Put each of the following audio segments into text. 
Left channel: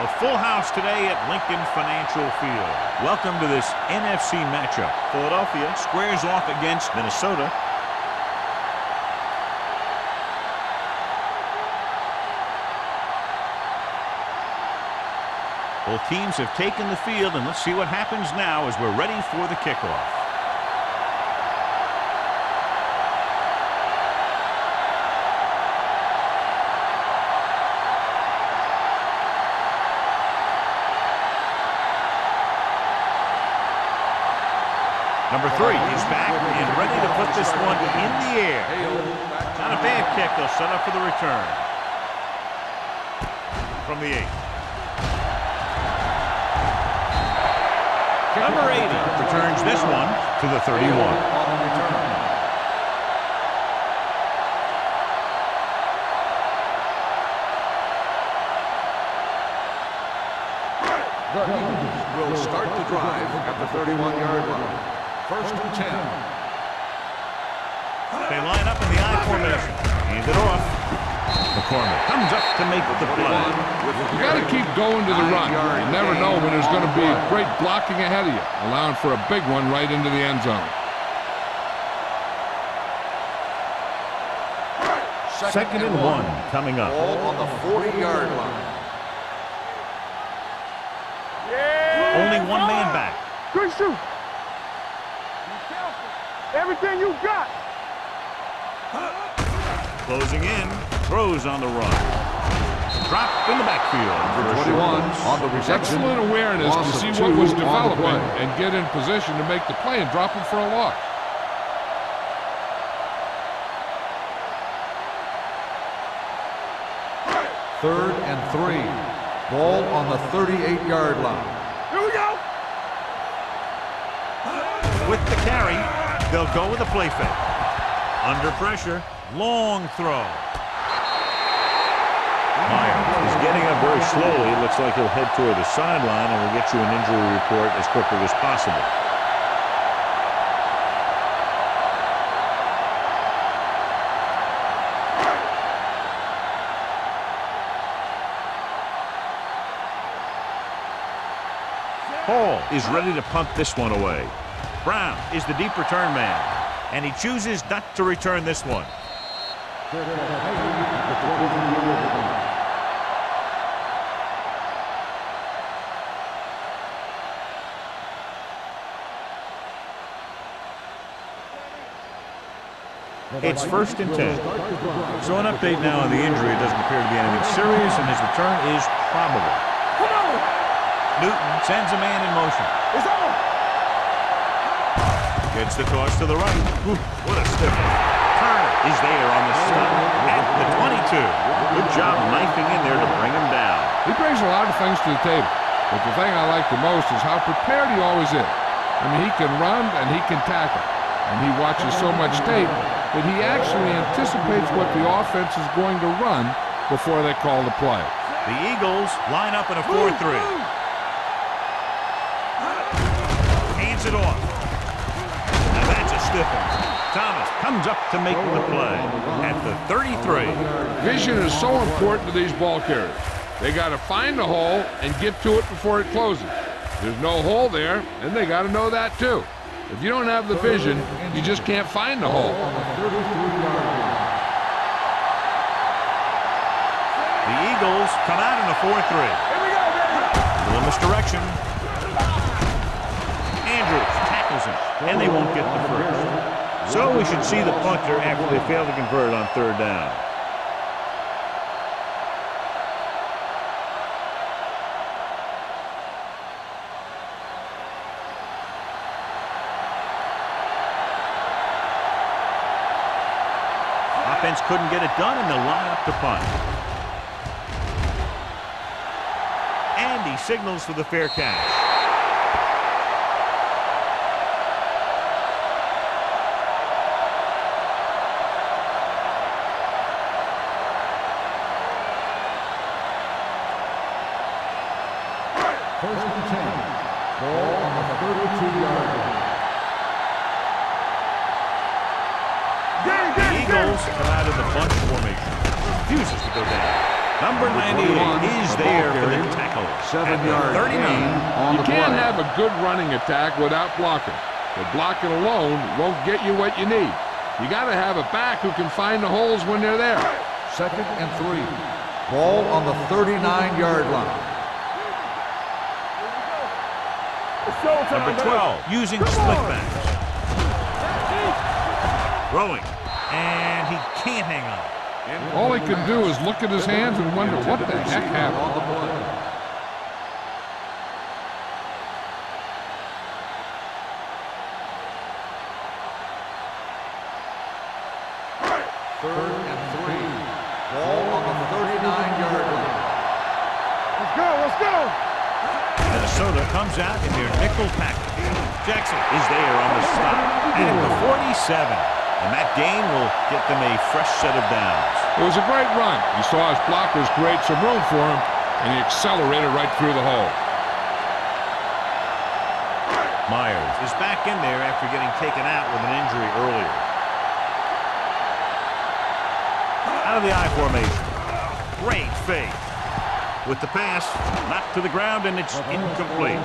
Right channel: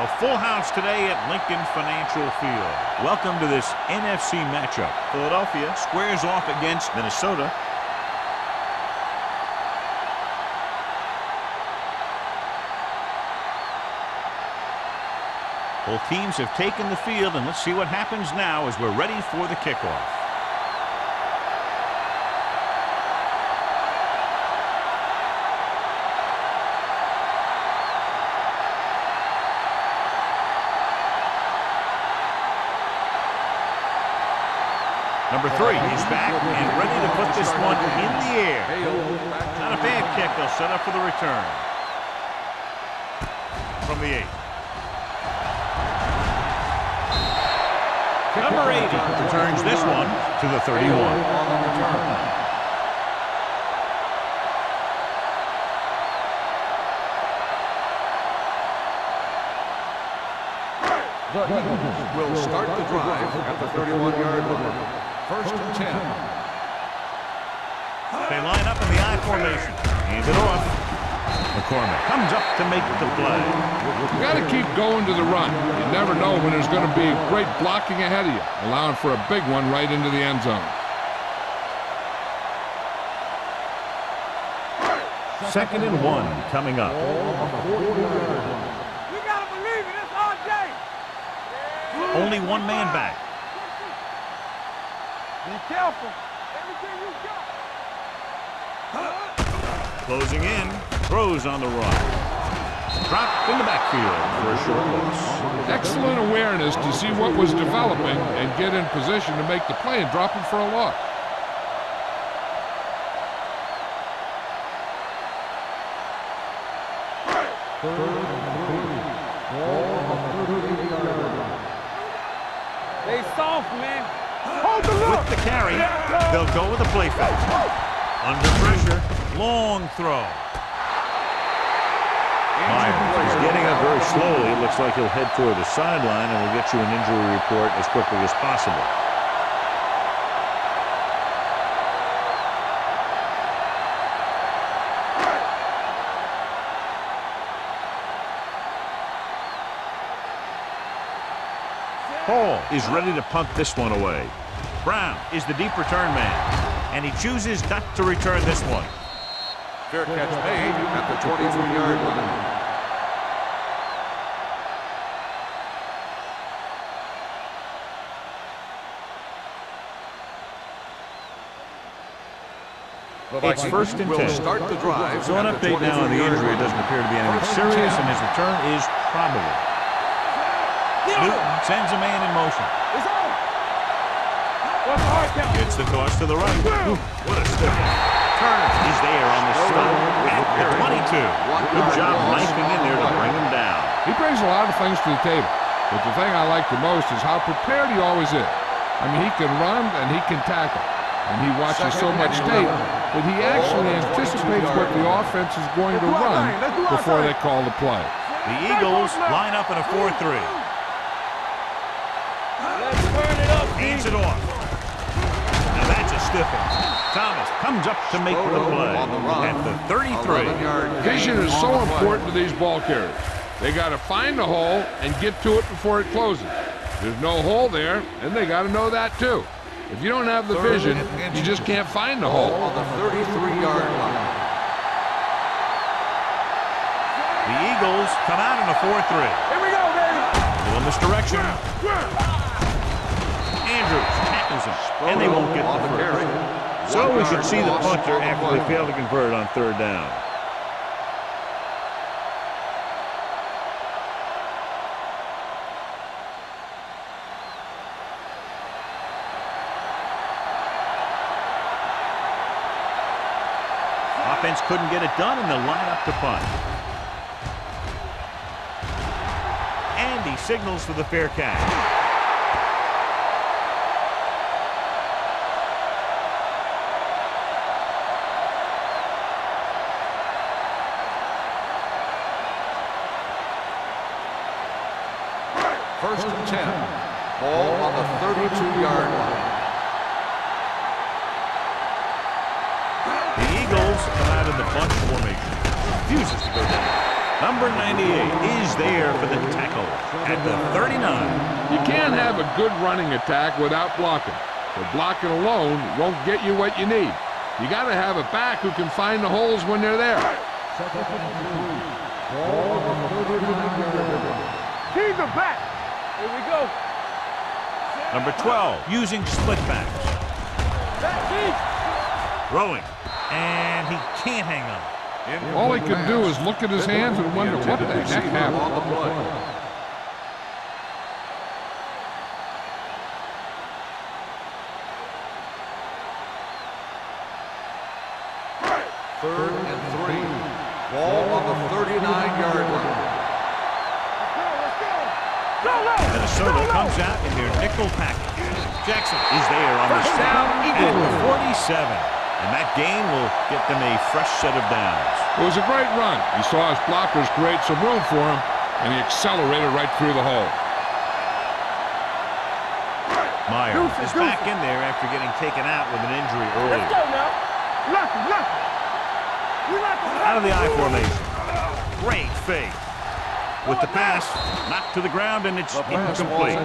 A full house today at Lincoln Financial Field. Welcome to this NFC matchup. Philadelphia squares off against Minnesota. Both teams have taken the field, and let's see what happens now as we're ready for the kickoff. Number 3 is back and ready to put this one in the air. Not a bad kick. They'll set up for the return. From the 8. Number 80 returns this one to the 31. On the return. The Eagles will start the drive at the 31-yard line. 1st and 10. They line up in the I formation. Hand it off. McCormick comes up to make the play. You got to keep going to the run. You never know when there's going to be great blocking ahead of you, allowing for a big one right into the end zone. 2nd and 1 coming up. Ball on the 40-yard line. Only one man back. Good shoot. Be careful. Everything you got. Closing in. Throws on the run. Dropped in the backfield for a short loss. Excellent awareness to see what was developing and get in position to make the play and drop him for a loss. Third and 3. Ball on the 38-yard line. Stay soft, man. With the carry, they'll go with a play fake. Under pressure, long throw. Myers is getting up very slowly. It looks like he'll head toward the sideline, and we'll get you an injury report as quickly as possible. Hall is ready to punt this one away. Brown is the deep return man, and he chooses not to return this one. Fair catch made at the 23-yard line. It's 1st and 10. So an update now on the injury. It doesn't appear to be anything serious, and his return is probable. Newton sends a man in motion. It's on. Gets the toss to the right. Ooh, what a stiff one. Turner is there on the stop at the 22. Good job knifing in there to bring him down. He brings a lot of things to the table, but the thing I like the most is how prepared he always is. I mean, he can run and he can tackle, and he watches so much tape that he actually anticipates what the offense is going to run before they call the play. The Eagles line up in a 4-3. Hands it off. Now that's a stiff one. Thomas comes up to make the play at the 33. Vision is so important to these ball carriers. They got to find the hole and get to it before it closes. There's no hole there, and they got to know that too. If you don't have the vision, you just can't find the hole. The Eagles come out in a 4-3. Here we go, baby. A little misdirection. Andrews tackles him, and they won't get the first. So we should see the punter after they fail to convert on 3rd down. Offense couldn't get it done, and they'll line up to punt. And he signals for the fair catch. First and 10. Ball on the 32-yard line. The Eagles come out in the bunch formation. Refuses to go down. Number 98 is there for the tackle at the 39. You can't have a good running attack without blocking. But blocking alone won't get you what you need. You got to have a back who can find the holes when they're there. 2nd and 3. Ball on the 39-yard line. Keep the back. Here we go. Number 12 using split backs. Throwing. And he can't hang on. All he can do is look at his hands and wonder what the heck happened. On the play. Third and 3. Ball on the 39-yard line. Let's go, let's go. Minnesota comes out in their nickel package. Jackson is there on the stop at the 47. And that gain will get them a fresh set of downs. It was a great run. He saw his blockers create some room for him, and he accelerated right through the hole. Myers is back in there after getting taken out with an injury earlier. Out of the I formation. Great fake. With the pass, knocked to the ground, and it's incomplete.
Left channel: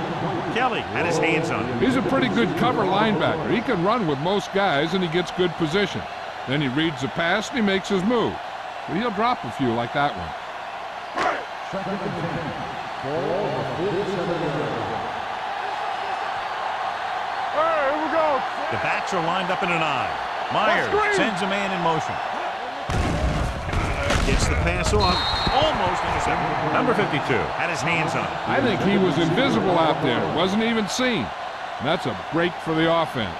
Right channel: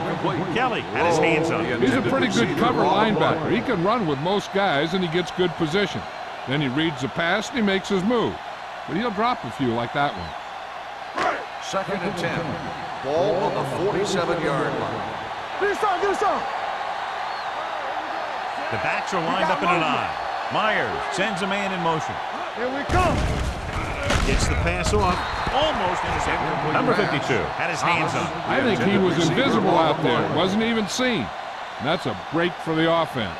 Kelly had his hands on it. He's a pretty good cover linebacker. He can run with most guys, and he gets good position. Then he reads the pass, and he makes his move. But he'll drop a few like that one. 2nd and 10. Ball on the 47-yard line. This on. Here we go. The backs are lined up in an I. Myers sends a man in motion. Here we go. Gets the pass off. Almost intercepted. Number 52 had his hands on it. I think he was invisible out there. Wasn't even seen. And that's a break for the offense.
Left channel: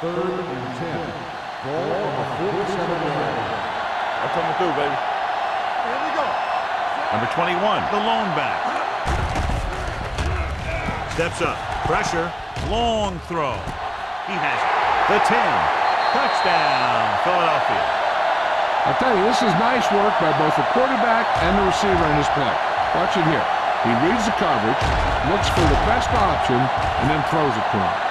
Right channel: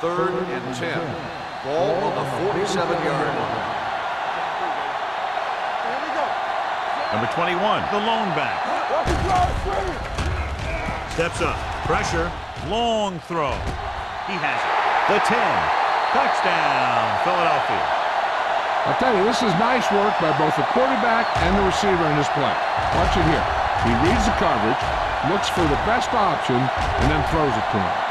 Third and 10. Ball on the 47-yard line. I'm coming through, baby. Here we go. Number 21, the lone back. Steps up. Pressure. Long throw. He has it. The 10. Touchdown, Philadelphia. I'll tell you, this is nice work by both the quarterback and the receiver in this play. Watch it here. He reads the coverage, looks for the best option, and then throws it to him.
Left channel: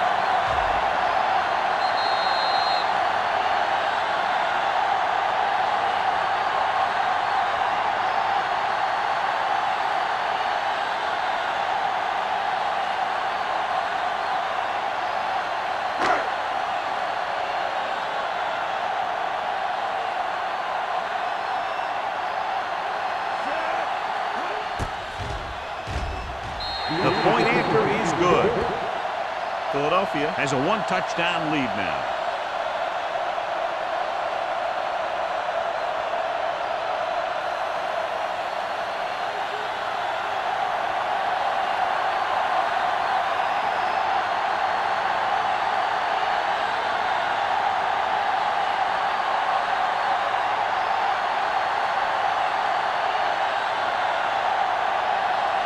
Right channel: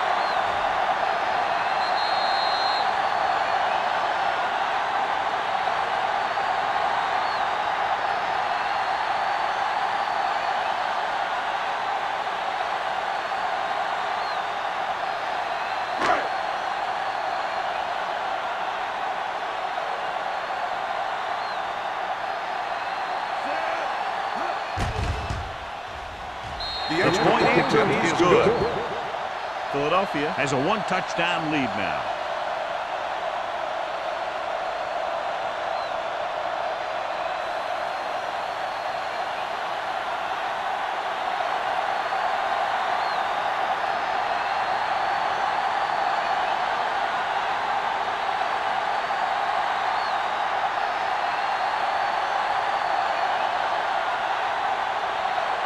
The point after is good. Philadelphia has a one-touchdown lead now.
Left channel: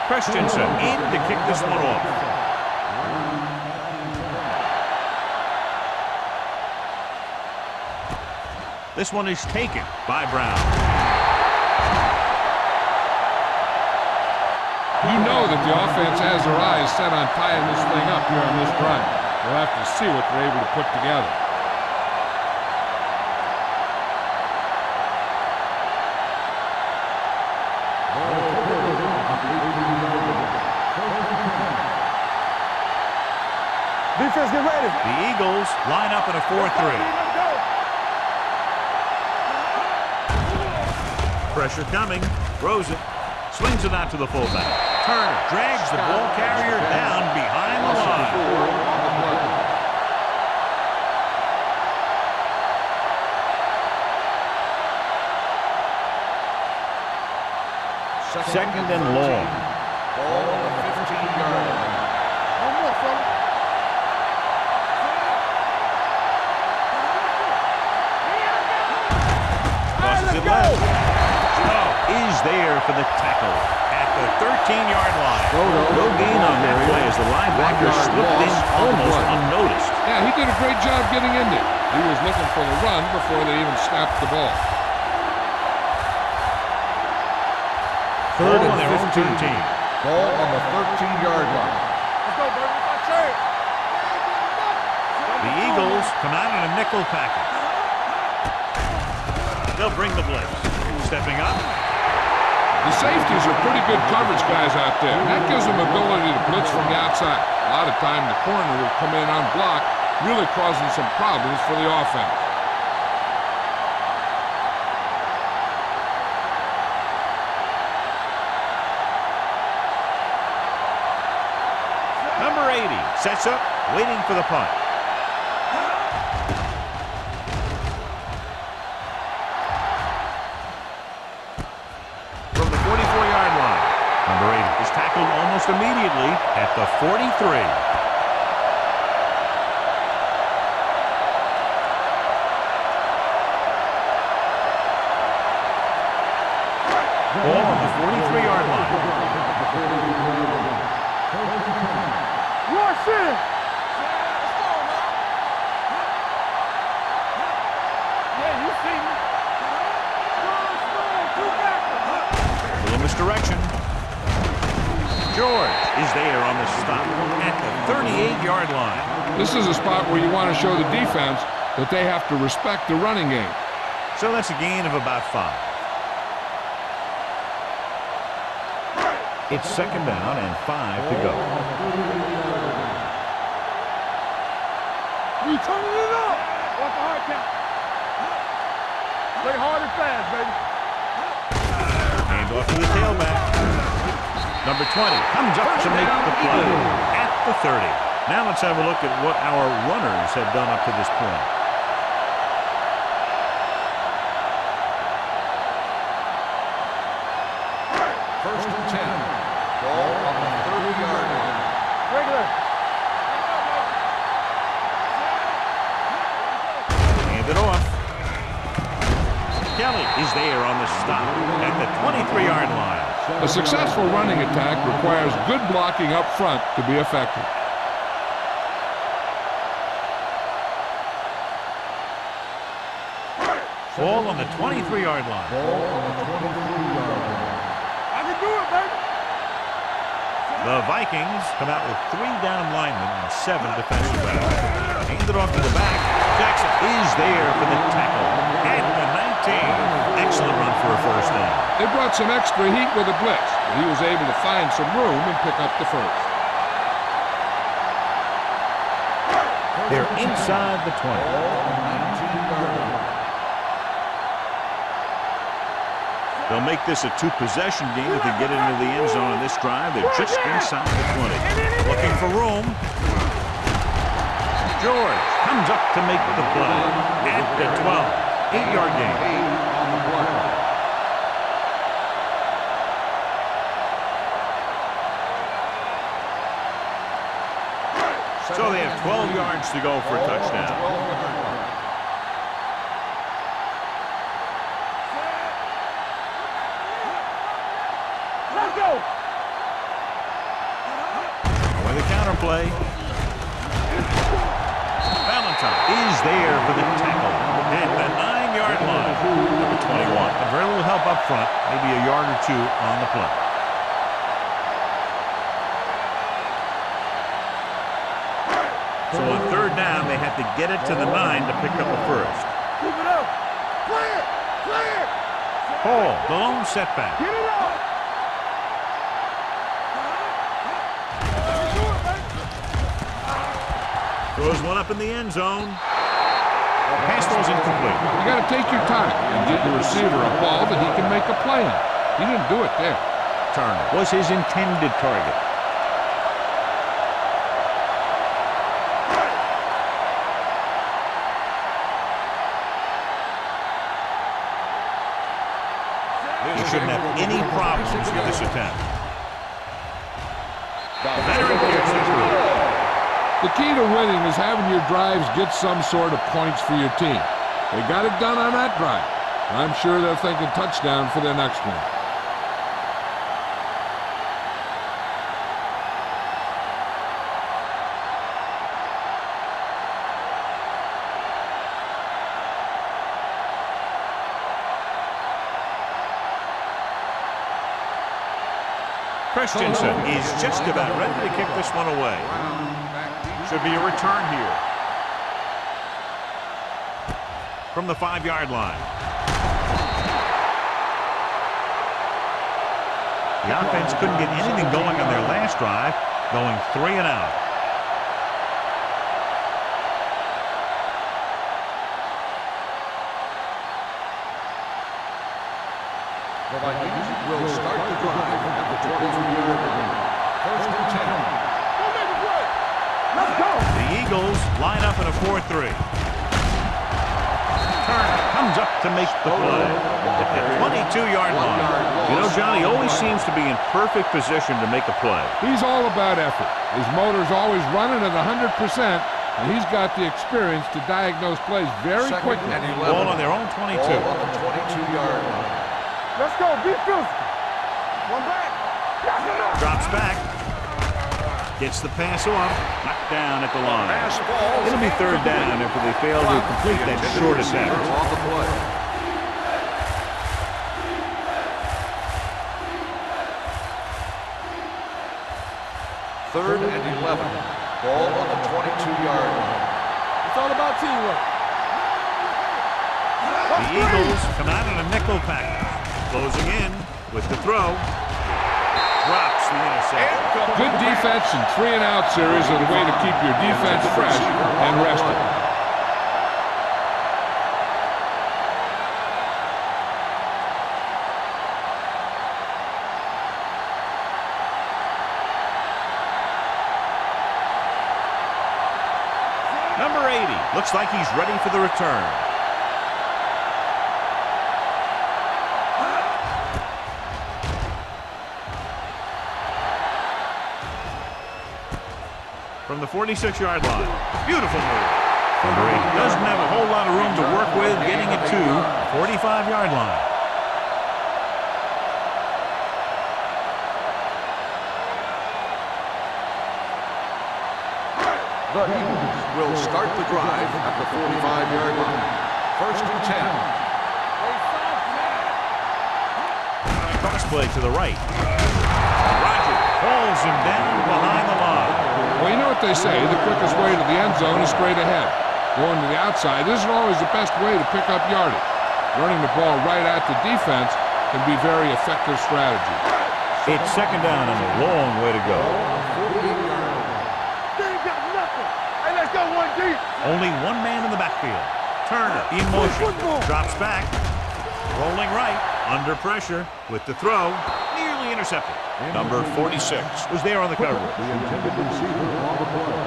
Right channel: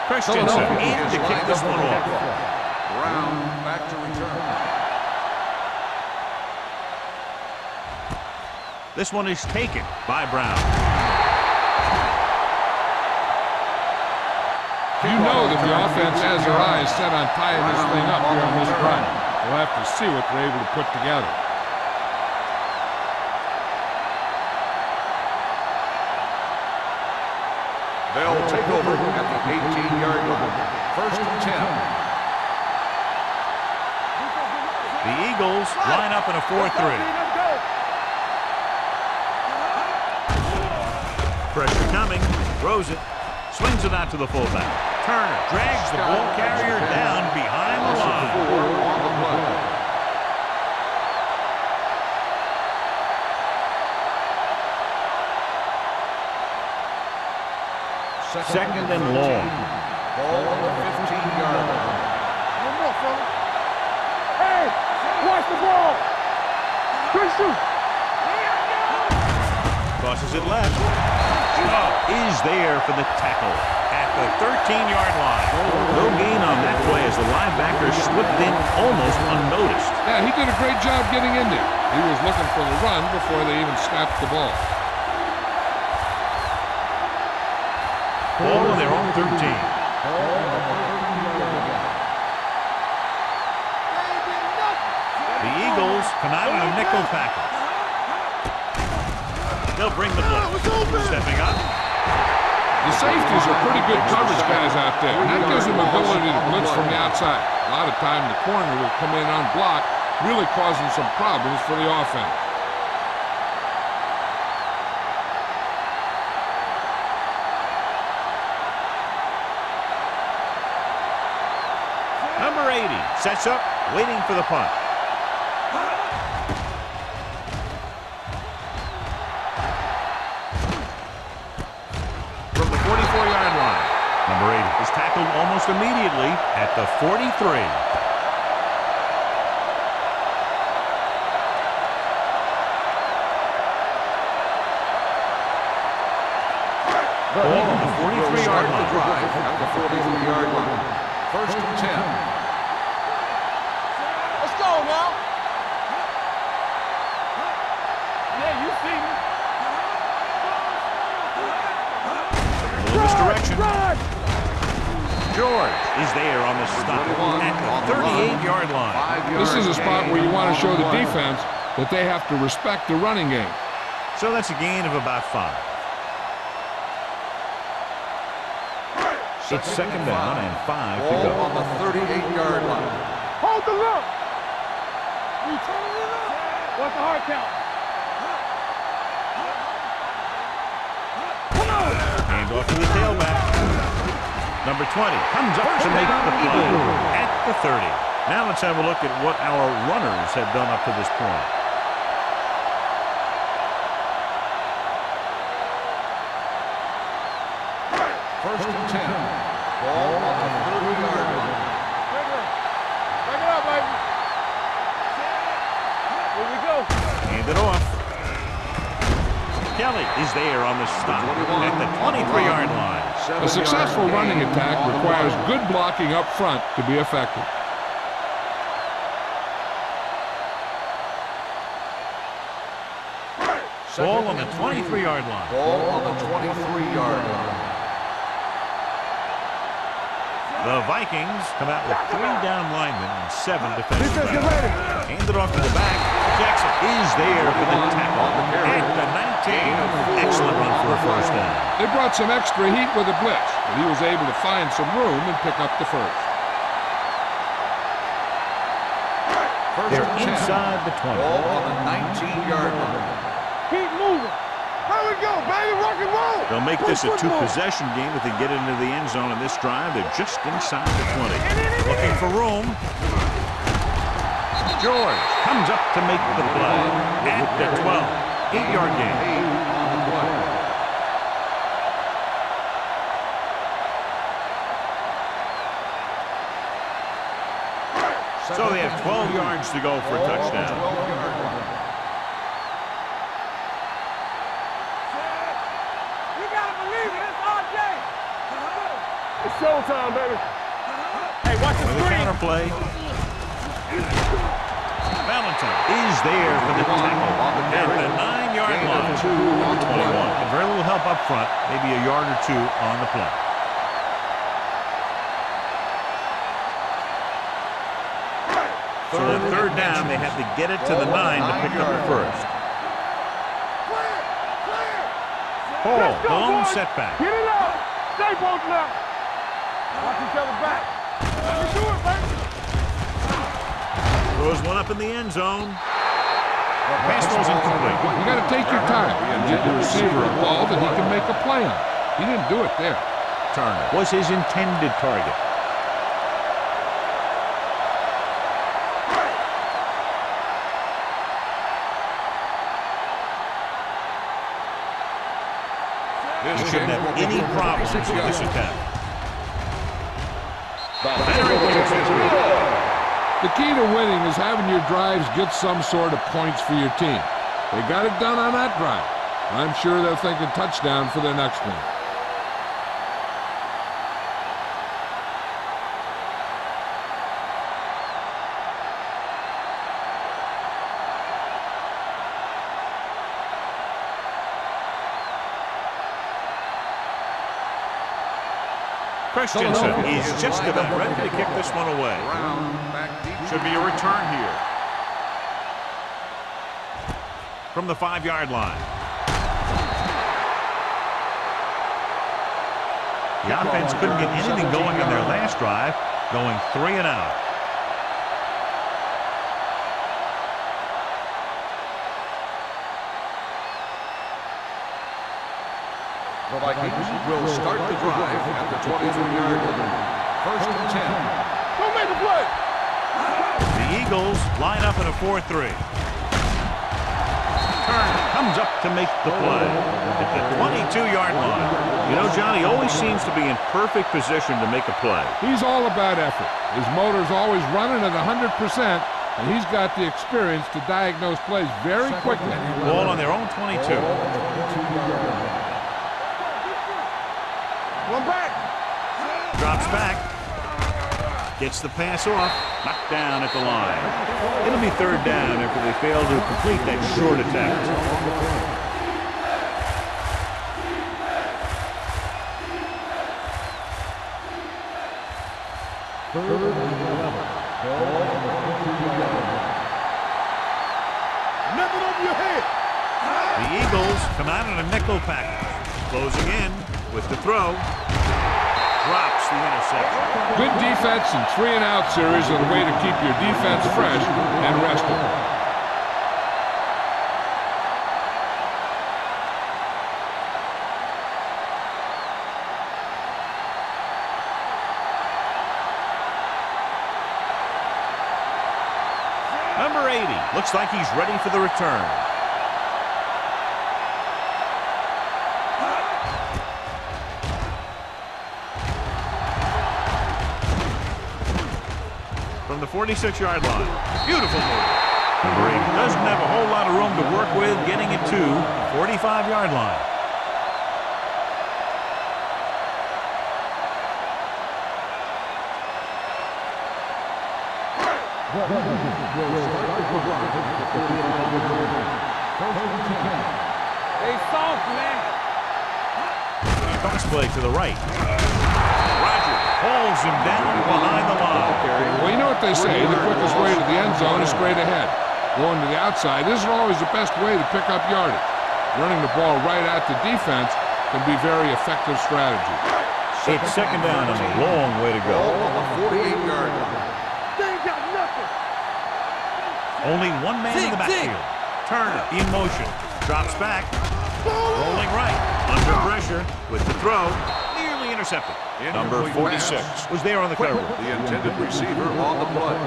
Christensen in to kick this one off. Brown back to return. This one is taken by Brown. You know that the offense has their eyes set on tying this thing up here on this drive. We'll have to see what they're able to put together. They'll take over at the 18-yard line. 1st and 10. Defense, get ready. The Eagles line up in a 4-3. Let's go. Pressure coming. Throws it. Swings it out to the fullback. Turner drags the ball carrier down behind the line. 4 on the play. Second and long. Ball on the 15-yard line. No more, fellas. Hey, watch the ball. Christian. Tosses it left. Is there for the tackle at the 13-yard line. No gain on that play as the linebacker slipped in almost unnoticed. Yeah, he did a great job getting in there. He was looking for the run before they even snapped the ball. Ball on their own 13. Ball on the 13-yard line. Let's go, baby. They ain't did nothing. The Eagles come out in a nickel package. They'll bring the blitz. Stepping up. The safeties are pretty good coverage guys out there, and that gives them ability to blitz from the outside. A lot of time the corner will come in on block, really causing some problems for the offense. Number 80 sets up, waiting for the punt. From the 44-yard line, number 80 is tackled almost immediately at the 43. Ball on the 43-yard line. The 43-yard line. First and 10. Let's go now. Yeah, you see me. A little misdirection. George is there on the stop at the 38-yard line. This is a spot where you want to show the defense that they have to respect the running game. So that's a gain of about 5. It's second down and 5 to go. On the 38-yard line. Hold the look. We turning it up. What's the hard count? Play hard and fast, baby. Hand off to the tailback. Number 20 comes up to make the play at the 30. Now let's have a look at what our runners have done up to this point. First and 10. Ball on the 30-yard line. Regular. Back it up, baby. Hand it off. Kelly is there on the stop at the 23-yard line. A successful running attack requires good blocking up front to be effective. Ball on the 23-yard line. Ball on the 23-yard line. I can do it, baby. The Vikings come out with 3 down linemen and 7 defensive backs. Hand it off to the back. Jackson is there for the tackle at the 19. Excellent run for a first down. They brought some extra heat with a blitz, but he was able to find some room and pick up the first. They're inside the 20. Ball on the 19-yard line. Keep moving. There we go, baby. Rock and roll. They'll make this a 2-possession game if they get into the end zone in this drive. They're just inside the 20. Looking for room. George comes up to make the play at the 12. 8-yard gain. 8 on the play. So they have 12 yards to go for a touchdown. 12-yard line. You gotta believe it. It's RJ. Let's go. It's showtime, baby. With the counter play. Valentine is there for the tackle at the 9-yard line. Number 21. And very little help up front, maybe a yard or 2 on the play. So on third down, they have to get it to the 9 to pick up the first. Clear. Clear. Hall, the lone setback. Get it out. Stay close now. Watch each other back. I can do it, baby. Throws one up in the end zone. Pass ball's incomplete. You got to take your time and get your receiver a ball that he can make a play on. He didn't do it there. Turner was his intended target. He shouldn't have any problems with this attempt. Veteran kicks it through. The key to winning is having your drives get some sort of points for your team. They got it done on that drive. I'm sure they're thinking touchdown for their next one. Christensen is just about ready to kick this one away. Should be a return here. From the 5-yard line. The offense couldn't get anything going on their last drive, going 3 and out. The Vikings will start the drive at the 23-yard line. 1st and 10. Go make a play. Let's go. The Eagles line up in a 4-3. Turner comes up to make the play at the 22-yard line. You know, John, he always seems to be in perfect position to make a play. He's all about effort. His motor's always running at 100%, and he's got the experience to diagnose plays very quickly. Ball on their own 22. Ball on the 22-yard line. Let's go. Defense. One back. Drops back. Gets the pass off. Knocked down at the line. It'll be 3rd down after they fail to complete that short attempt. 3rd and 11. Ball on the 22-yard line. It's all about teamwork. Nothing over your head. The Eagles come out in a nickel package. Closing in with the throw. Drops the interception. Good defense and 3 and out series are the way to keep your defense fresh and rested. Number 80 looks like he's ready for the return. From the 46-yard line. Beautiful move. Number 80 doesn't have a whole lot of room to work with getting it to the 45-yard line. The Eagles will start the drive at the 45-yard line. 1st and 10. They soft, man. Cross play to the right. Roger pulls him down behind the line. Well, you know what they say, the quickest way to the end zone is straight ahead. Going to the outside isn't always the best way to pick up yardage. Running the ball right at the defense can be very effective strategy. It's 2nd down and a long way to go. Ball on the 48-yard line. They ain't got nothing. Hey, let's go 1 deep. Only one man in the backfield. Turner in motion. Drops back. Rolling right. Under pressure with the throw. Nearly intercepted. Number 46 was there on the coverage. The intended receiver on the play.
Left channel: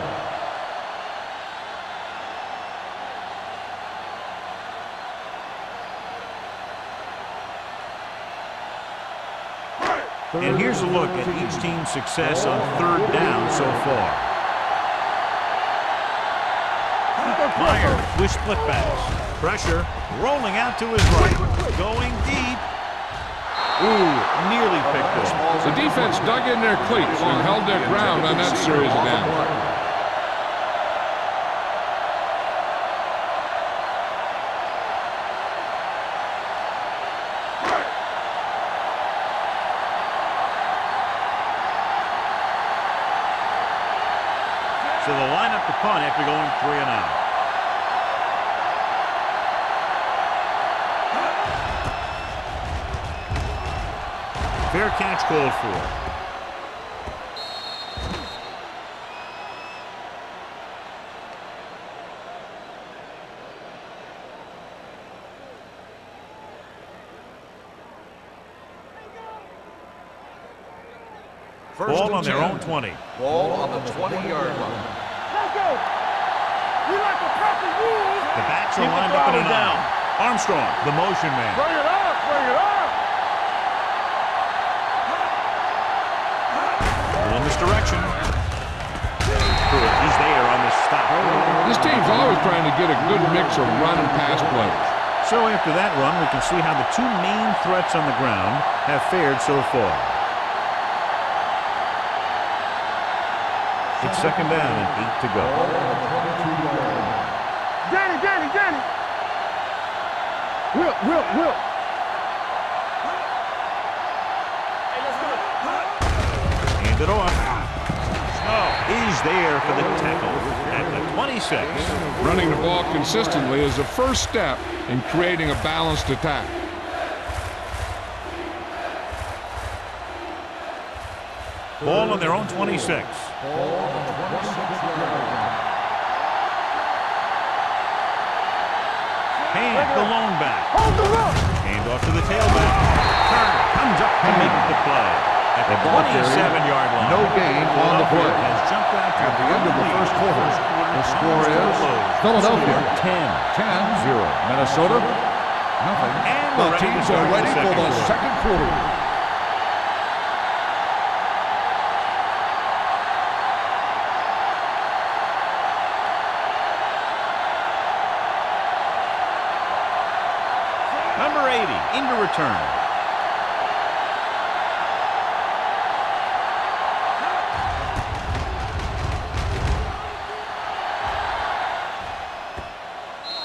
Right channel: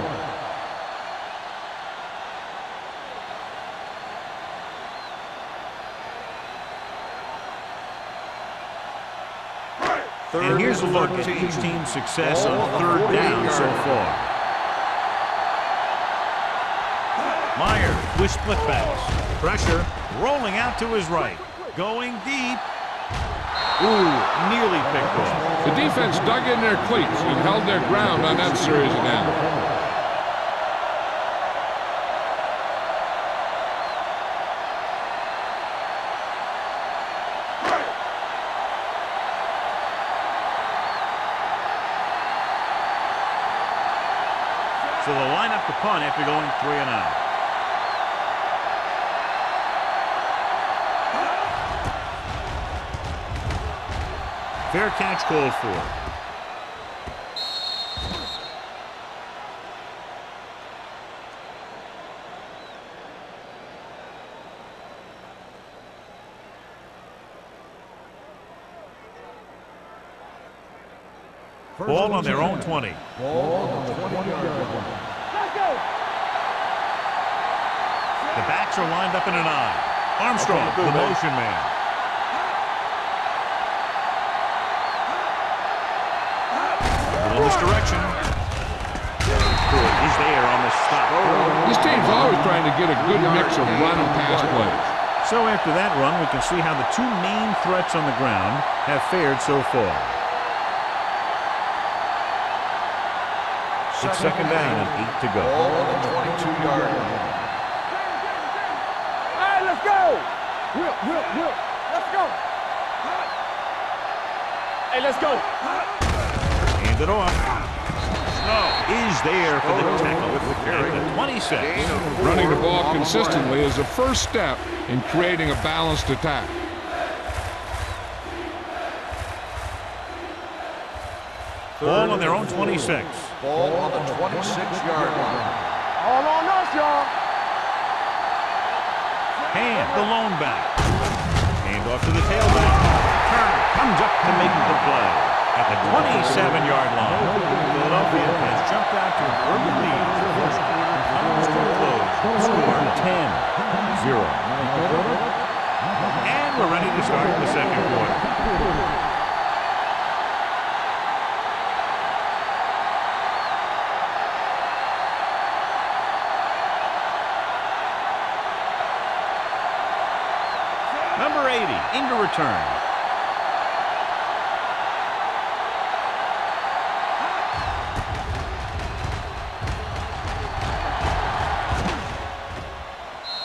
And here's a look at each team's success on 3rd down so far. Meyer with split backs. Pressure rolling out to his right. Going deep. Ooh, nearly picked off. The defense dug in their cleats and held their ground on that series of downs. So they'll line up the punt after going 3 and out. Fair catch called for. Ball on their own 20. Ball on the 20-yard line. Let's go. We like to press the rules. The backs are lined up in an aisle. Armstrong, the motion man. Bring it up. Bring it up. Little misdirection. Pruitt is there on the stop. This team's always trying to get a good mix of run and pass plays. So after that run, we can see how the 2 main threats on the ground have fared so far. It's 2nd down and 8 to go. Ball on the 22-yard line. Danny. All right, let's go. Will. Let's go. Hey, let's go. Hand it off. Snow is there for the tackle at the 26. Running the ball consistently is the first step in creating a balanced attack. Ball on their own 26. Ball on the 26-yard line. All on us, y'all. Hand the lone back. Hand off to the tailback. Turner comes up to make the play. At the 27-yard line. No gain. Philadelphia has jumped out to an early lead. First quarter comes to a close. Score 10-0. Minnesota, nothing. And we're ready to start the second quarter. Number 80 into return.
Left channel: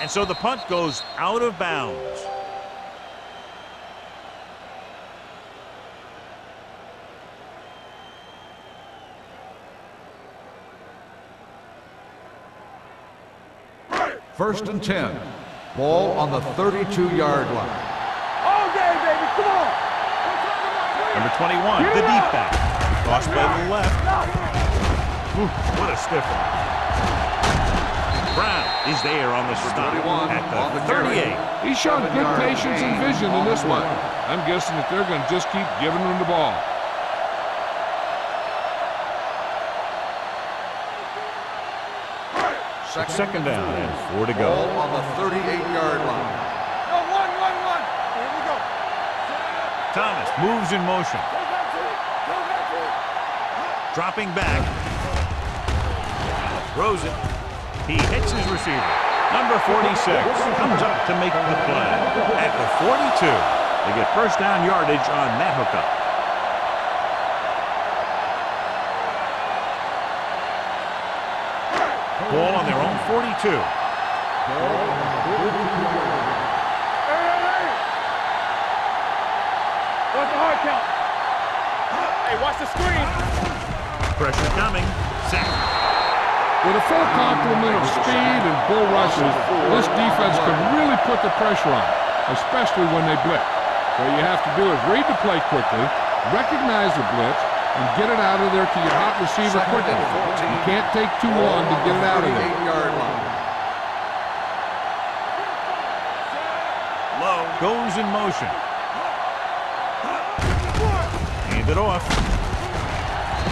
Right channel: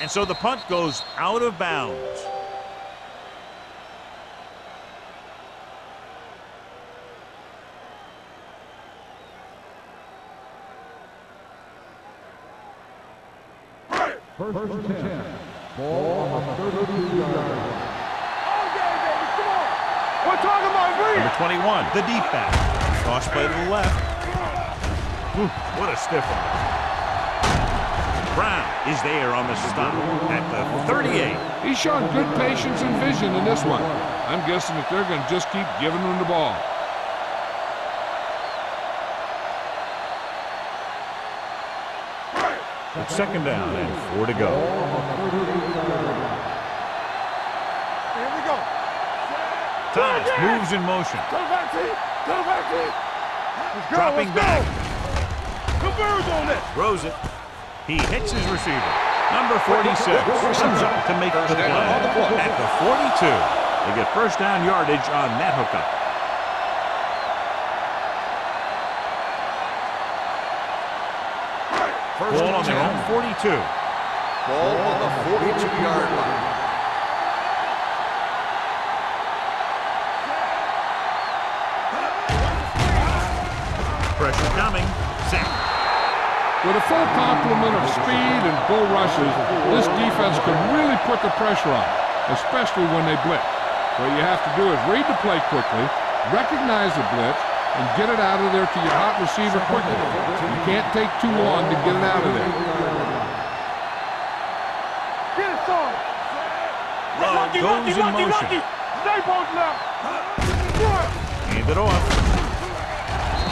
And so the punt goes out of bounds. First and 10. Ball on the 32-yard line. All day, baby. Come on. We're talking about win. Number 21, the deep back. Tossed by the left. Ooh, what a stiff one. Brown is there on the stop at the 38. He's shown good patience and vision in this one. I'm guessing that they're going to just keep giving him the ball. Second down and 4 to go. Ball on the 38-yard line. Here we go. Thomas moves in motion. Go back, team. Go back, team. Dropping back. Converge on this. Throws it. He hits his receiver. Number 46 comes up to make the play. At the 42, they get first down yardage on that hookup. Ball on their own 42. Ball on the 42-yard line. Hey, watch the screen. Pressure coming. Sack. With a full complement of speed and bull rushes, this defense could really put the pressure on, especially when they blitz. What you have to do is read the play quickly, recognize the blitz, and get it out of there to your hot receiver quickly. You can't take too long to get it out of there. 38-yard line. Low goes in motion. Stay both now. Hand it off.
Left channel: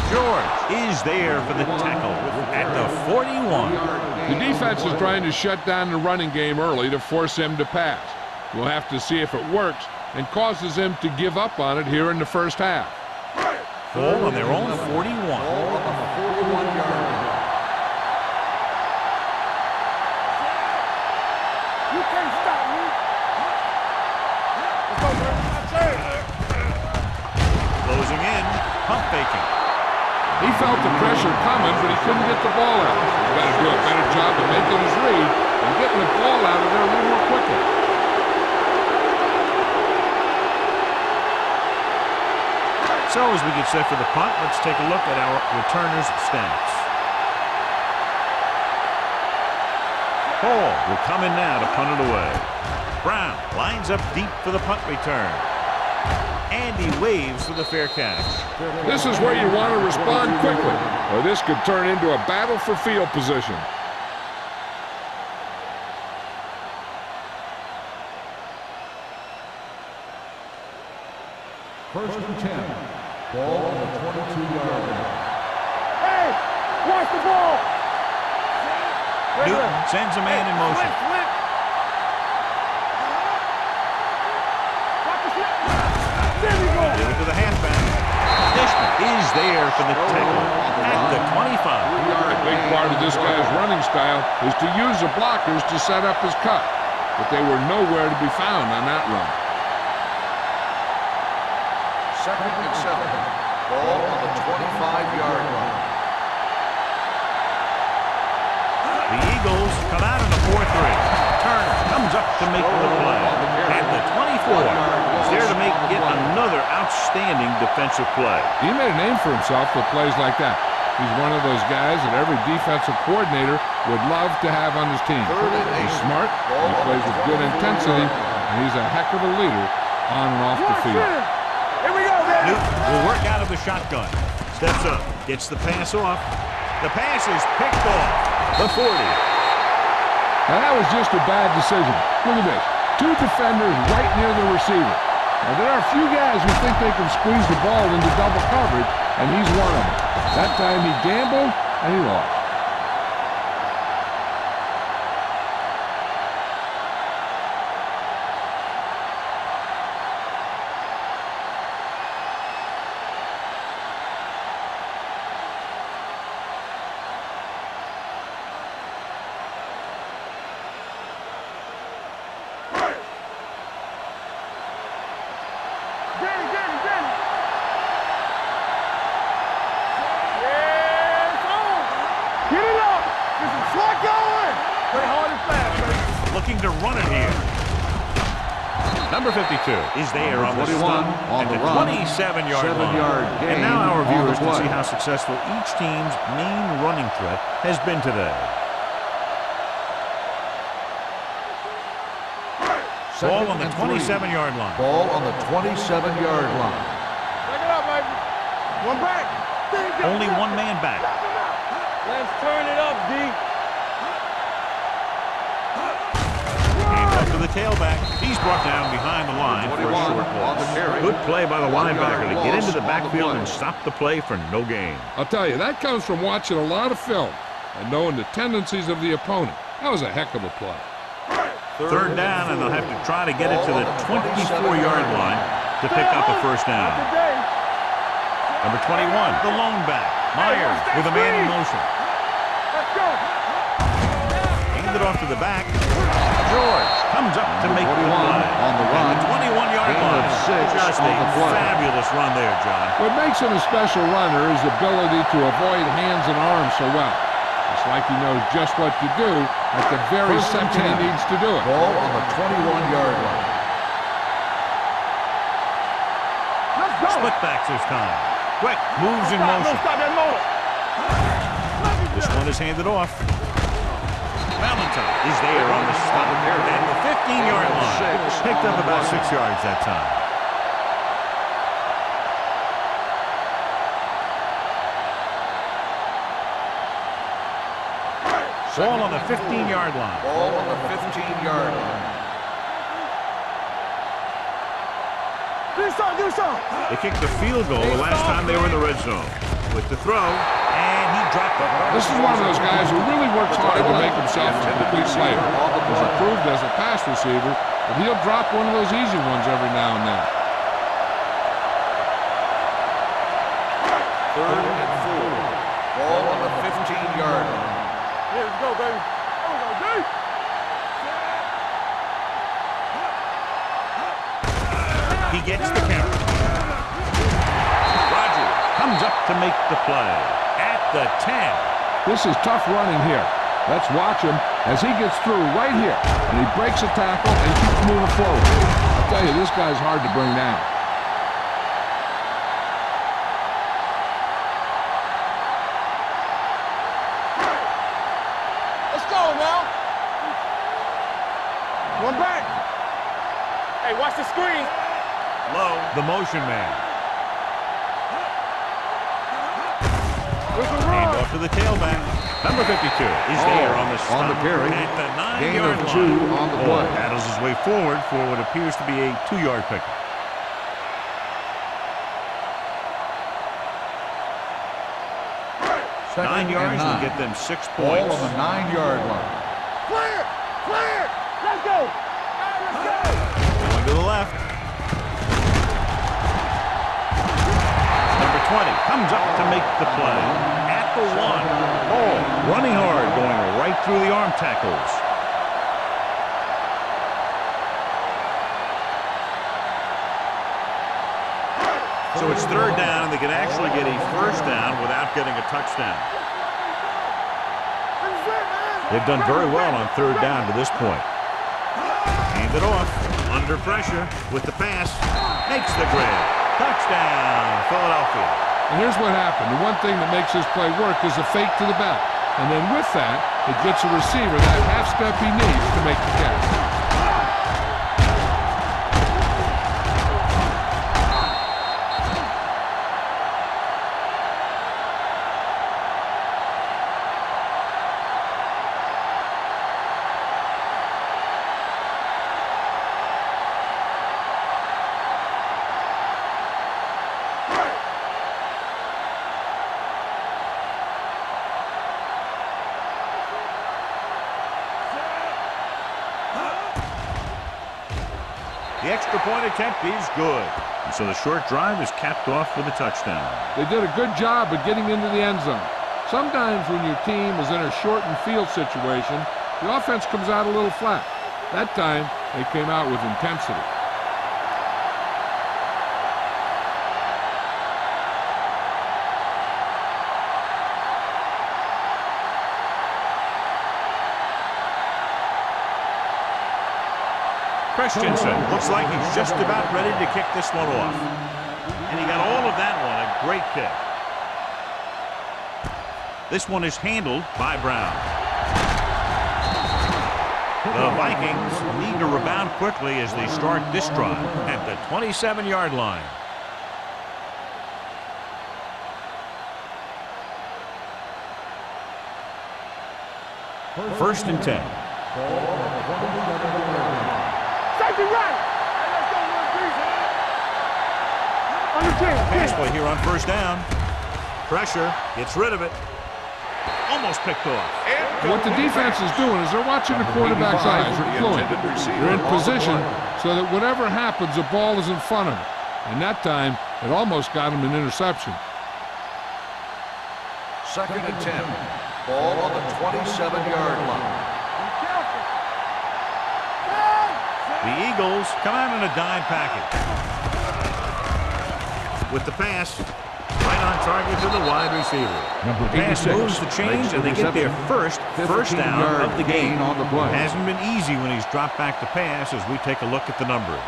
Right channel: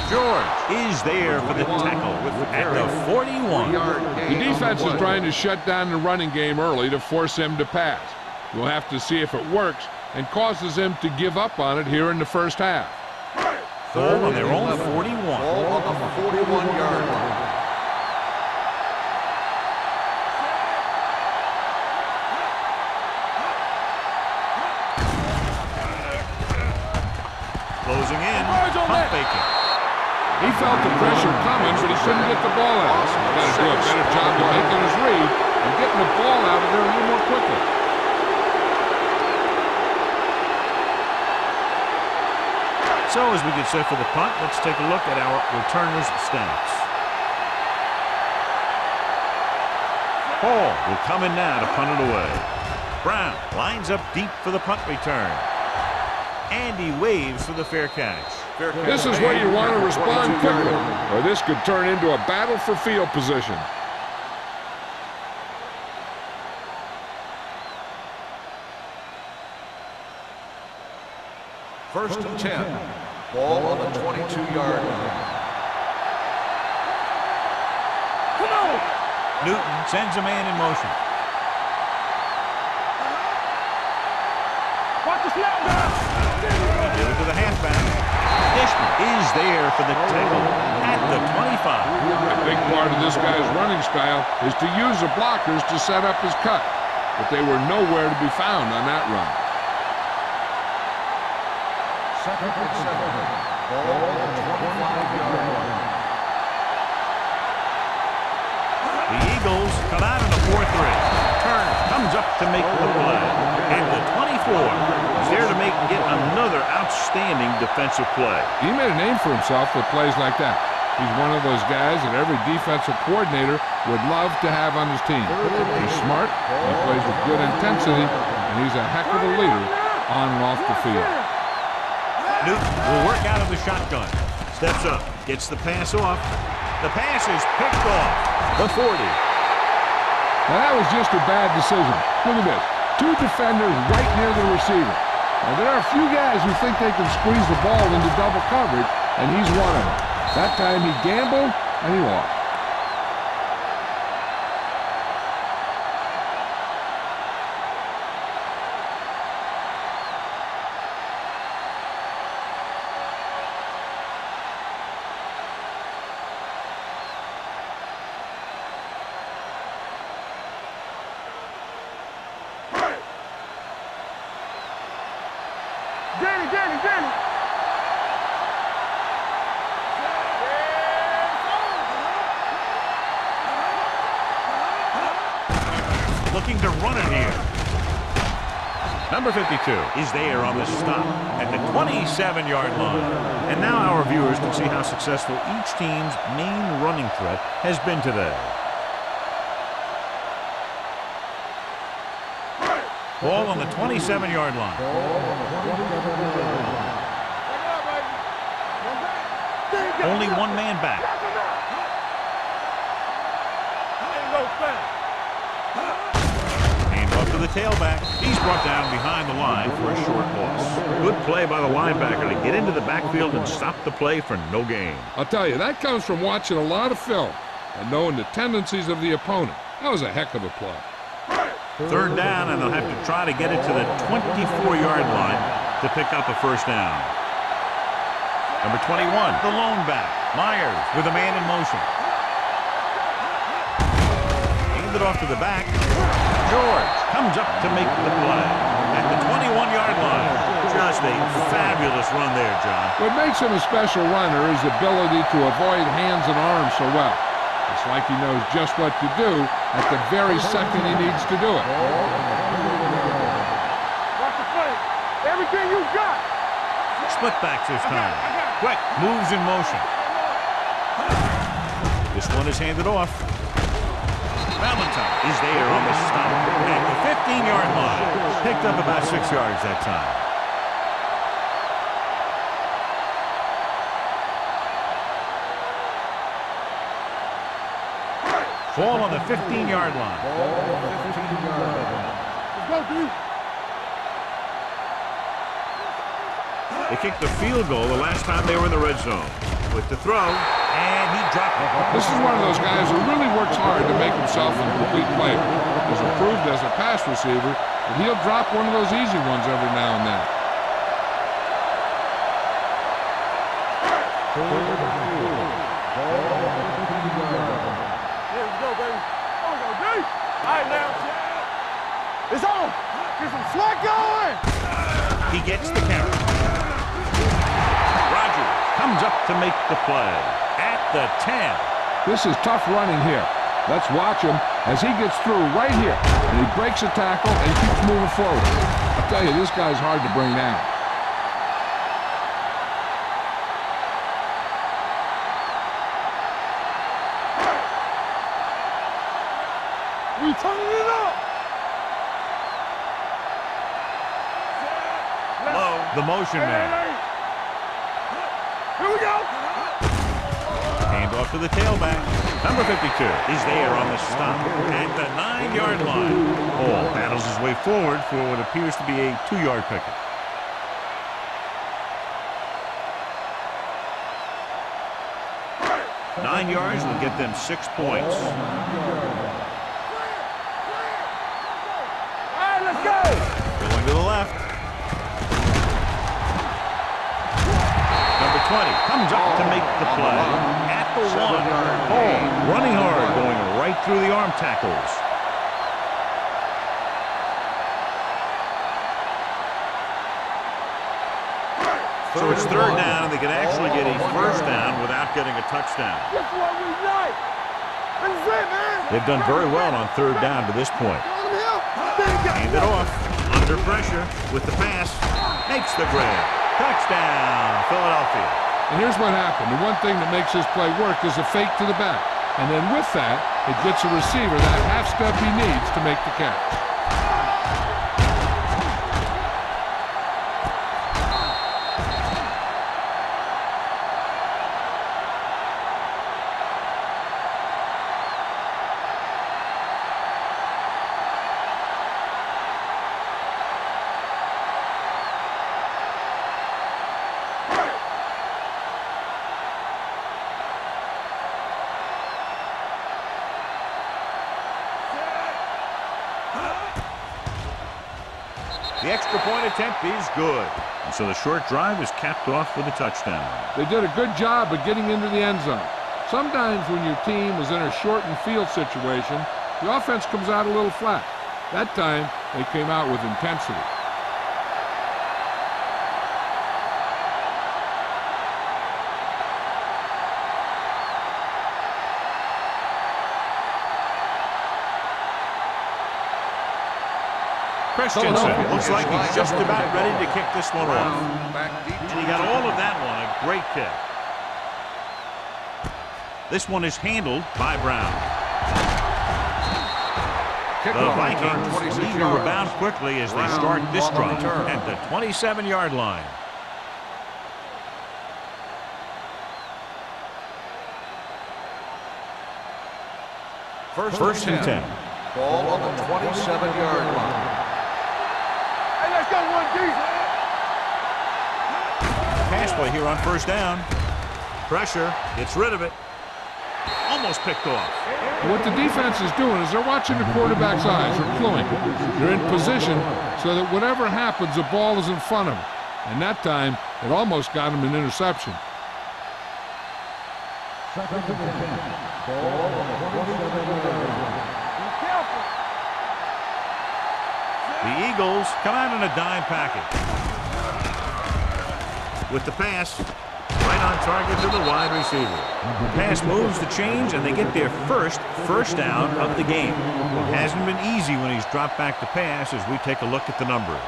George is there for the tackle at the 41. The defense is trying to shut down the running game early to force him to pass. We'll have to see if it works and causes him to give up on it here in the first half. Ball on their own 41. Ball on the 41-yard line. Closing in, pump faking. He felt the pressure coming, but he couldn't get the ball out. He's got to do a better job of making his read and getting the ball out of there a little more quickly. So as we get set for the punt, let's take a look at our returners' stats. Hall will come in now to punt it away. Brown lines up deep for the punt return. And he waves for the fair catch. This is where you want to respond quickly, or this could turn into a battle for field position. First and 10. Ball on the 22-yard line. Hey, watch the ball. Come on. Newton sends a man in motion. Watch the snap. There you go. Give it to the halfback. Dishman is there for the tackle at the 25. A big part of this guy's running style is to use the blockers to set up his cut, but they were nowhere to be found on that run. Second and 7. Ball on the 25-yard line. The Eagles come out in a 4-3. Turner comes up to make the play. At the 24, he's there to make it another outstanding defensive play. He made a name for himself with plays like that. He's one of those guys that every defensive coordinator would love to have on his team. He's smart, he plays with good intensity, and he's a heck of a leader on and off the field. Newton will work out of the shotgun. Steps up, gets the pass off. The pass is picked off. The 40. Now that was just a bad decision. Look at this. Two defenders right near the receiver. Now there are a few guys who think they can squeeze the ball into double coverage, and he's one of them. That time he gambled, and he lost. Danny. Yeah, it's on. Get it up. It's a flat going. Looking to run it here. Number 52 is there on the stop at the 27-yard line. And now our viewers can see how successful each team's main running threat has been today. Ball on the 27-yard line. Ball on the 27-yard line. Back it up, baby. One back. Only one man back. Let's turn it up, D. And up to the tailback. He's brought down behind the line for a short loss. Good play by the linebacker to get into the backfield and stop the play for no gain. I'll tell you, that comes from watching a lot of film and knowing the tendencies of the opponent. That was a heck of a play. Third down, and they'll have to try to get it to the 24-yard line to pick up a first down. Number 21, the lone back, Myers, with a man in motion. Handed off to the back. George comes up to make the play at the 21-yard line. Just a fabulous run there, John. What makes him a special runner is the ability to avoid hands and arms so well. It's like he knows just what to do at the very second he needs to do it. Ball on the 21-yard line. Everything you got. Split backs this time. Quick, moves in motion. This one is handed off. Valentine is there on the stop at the 15-yard line. Picked up about 6 yards that time. Ball on the 15-yard line. Ball on the 15-yard line. They kicked the field goal the last time they were in the red zone. With the throw, and he dropped it. This is one of those guys who really works hard to make himself a complete player. He's improved as a pass receiver, but he'll drop one of those easy ones every now and then. Third and 4. Ball on the 15-yard line. Yeah, let's go, baby. There we go, D. All right, now, Chad. It's on. Get some slack going. He gets the carry. Rogers comes up to make the play at the 10. This is tough running here. Let's watch him as he gets through right here, and he breaks a tackle and keeps moving forward. I'll tell you, this guy's hard to bring down. Let's go now. We turning it up. One back. Hey, watch the screen. Low, the motion man. Here we go. Hand off to the tailback. Number 52 is there on the stop at the 9-yard line. Ball paddles his way forward for what appears to be a 2-yard pickup. Nine yards will get them 6 points. Ball on the 9-yard line. Clear. Let's go. All right, let's go. Going to the left. Number 20 comes up to make the play at the 1. Ball running hard, going right through the arm tackles. So it's third down, and they can actually get a first down without getting a touchdown. This is what we like. This is it, man. They've done very well on third down to this point. Hand it off, under pressure, with the pass, makes the grab. Touchdown, Philadelphia. And here's what happened. The one thing that makes this play work is a fake to the back. And then with that, it gets a receiver that half step he needs to make the catch. The extra point attempt is good. And so the short drive is capped off with a touchdown. They did a good job of getting into the end zone. Sometimes when your team is in a shortened field situation, the offense comes out a little flat. That time, they came out with intensity. Christensen looks like he's just about ready to kick this one off. And he got all of that one. A great kick. This one is handled by Brown. The Vikings need to rebound quickly as they start this drive at the 27-yard line. First and 10. Ball on the 27-yard line. Hey, let's go, 1D. Pass play here on first down. Pressure, gets rid of it. Almost picked off. What the defense is doing is they're watching the quarterback's eyes. They're fluent. They're in position so that whatever happens, the ball is in front of them. And that time, it almost got him an interception. Second and 10. Ball on the 27-yard line. Be careful. The Eagles come out in a dime package. With the pass, right on target to the wide receiver. The pass moves the chains, and they get their first down of the game. It hasn't been easy when he's dropped back to pass as we take a look at the numbers.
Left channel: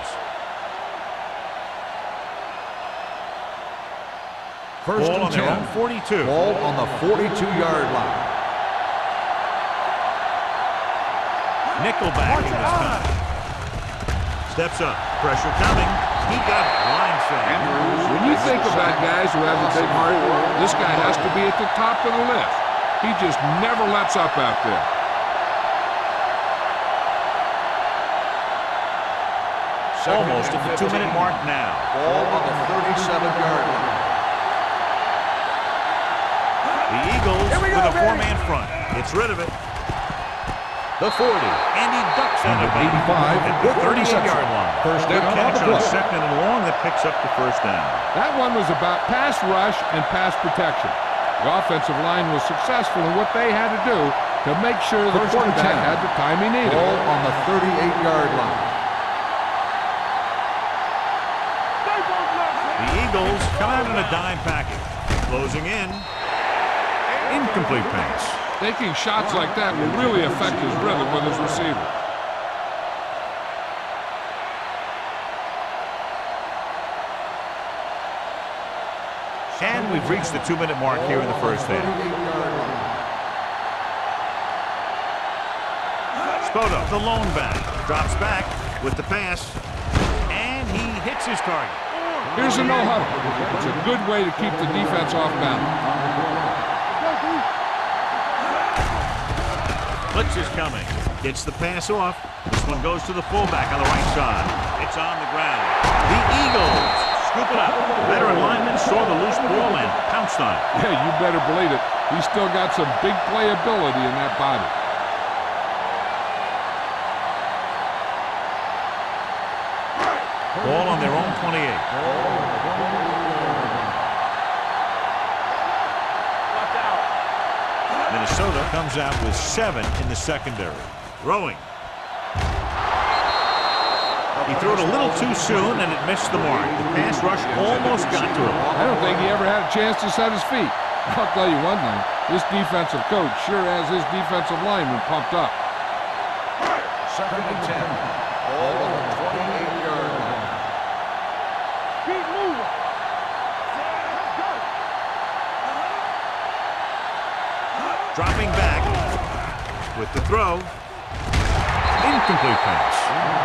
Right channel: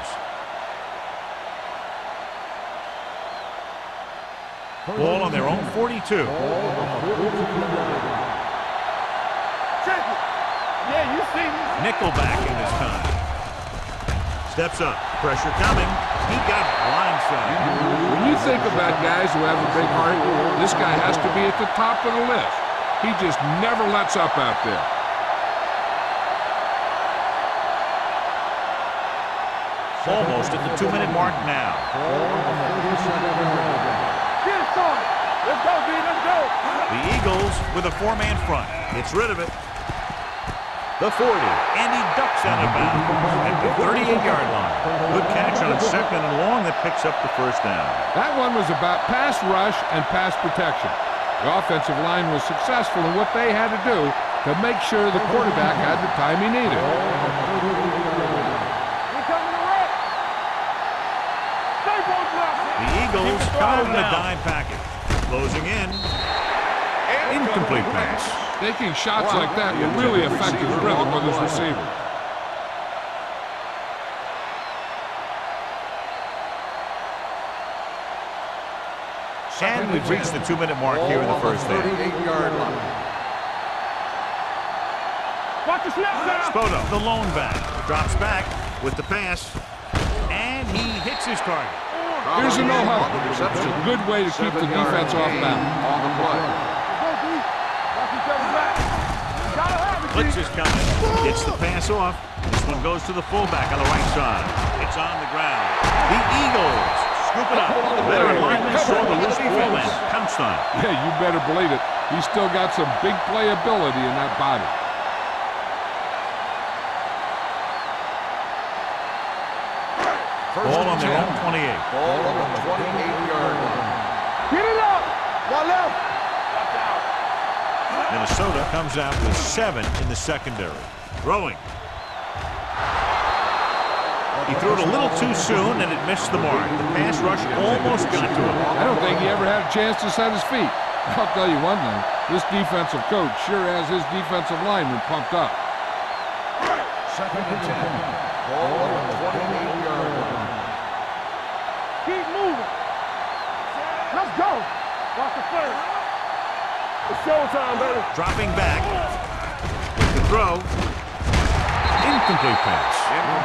Ball on their own 42. Ball on the 42-yard line. Nickelback in this time. Steps up. Pressure coming. He got blindsided. When you think about guys who have a big heart, this guy has to be at the top of the list. He just never lets up out there. Almost at the 2-minute mark now. Ball on the 37-yard line. Let's go, D. Let's go. The Eagles with a 4-man front. Gets rid of it. The 40, and he ducks out of bounds at the 38-yard line. Good catch on second and long that picks up the first down. That one was about pass rush and pass protection. The offensive line was successful in what they had to do to make sure the quarterback had the time he needed. Ball on the 38-yard line. The Eagles come out in a dime package. Closing in. Incomplete pass. Taking shots like that will really affect his rhythm with his receiver. And we've reached the 2-minute mark here in the first half. 38-yard line. Spoto, the lone back, drops back with the pass, and he hits his target. Here's a no huddle. It's a good way to keep the defense off balance. Blitz is coming. Gets the pass off. This one goes to the fullback on the right side. It's on the ground. The Eagles scoop it up. The veteran lineman saw the loose ball and pounced on it. Yeah, you better believe it. He's still got some big playability in that body. Ball on their own 28. Ball on the 28-yard line. Get it up. One left. Watch out. Minnesota comes out with 7 in the secondary. Throwing. He threw it a little too soon, and it missed the mark. The pass rush almost got to him. I don't think he ever had a chance to set his feet. I'll tell you one thing. This defensive coach sure has his defensive lineman pumped up. Second and 10. Ball on the 28-yard line. Keep moving. Let's go. Watch the play. It's showtime, baby. Dropping back with the throw. Incomplete pass.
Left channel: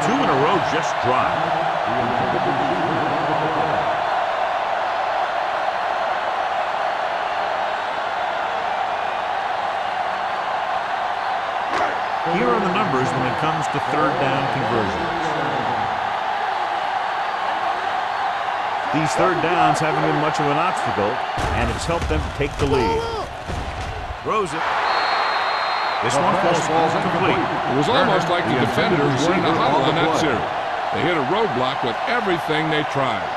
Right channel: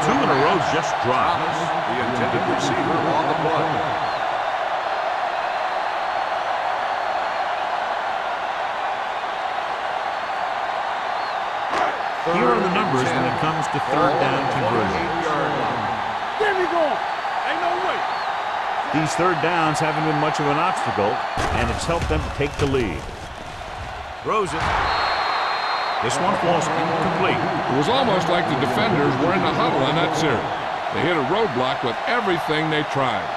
2 in a row just dropped. The intended receiver on the play. Here are the numbers when it comes to third down conversions. These third downs haven't been much of an obstacle, and it's helped them to take the lead. Throws it. This one falls incomplete. It was almost like the defenders were in a huddle on that series. They hit a roadblock with everything they tried.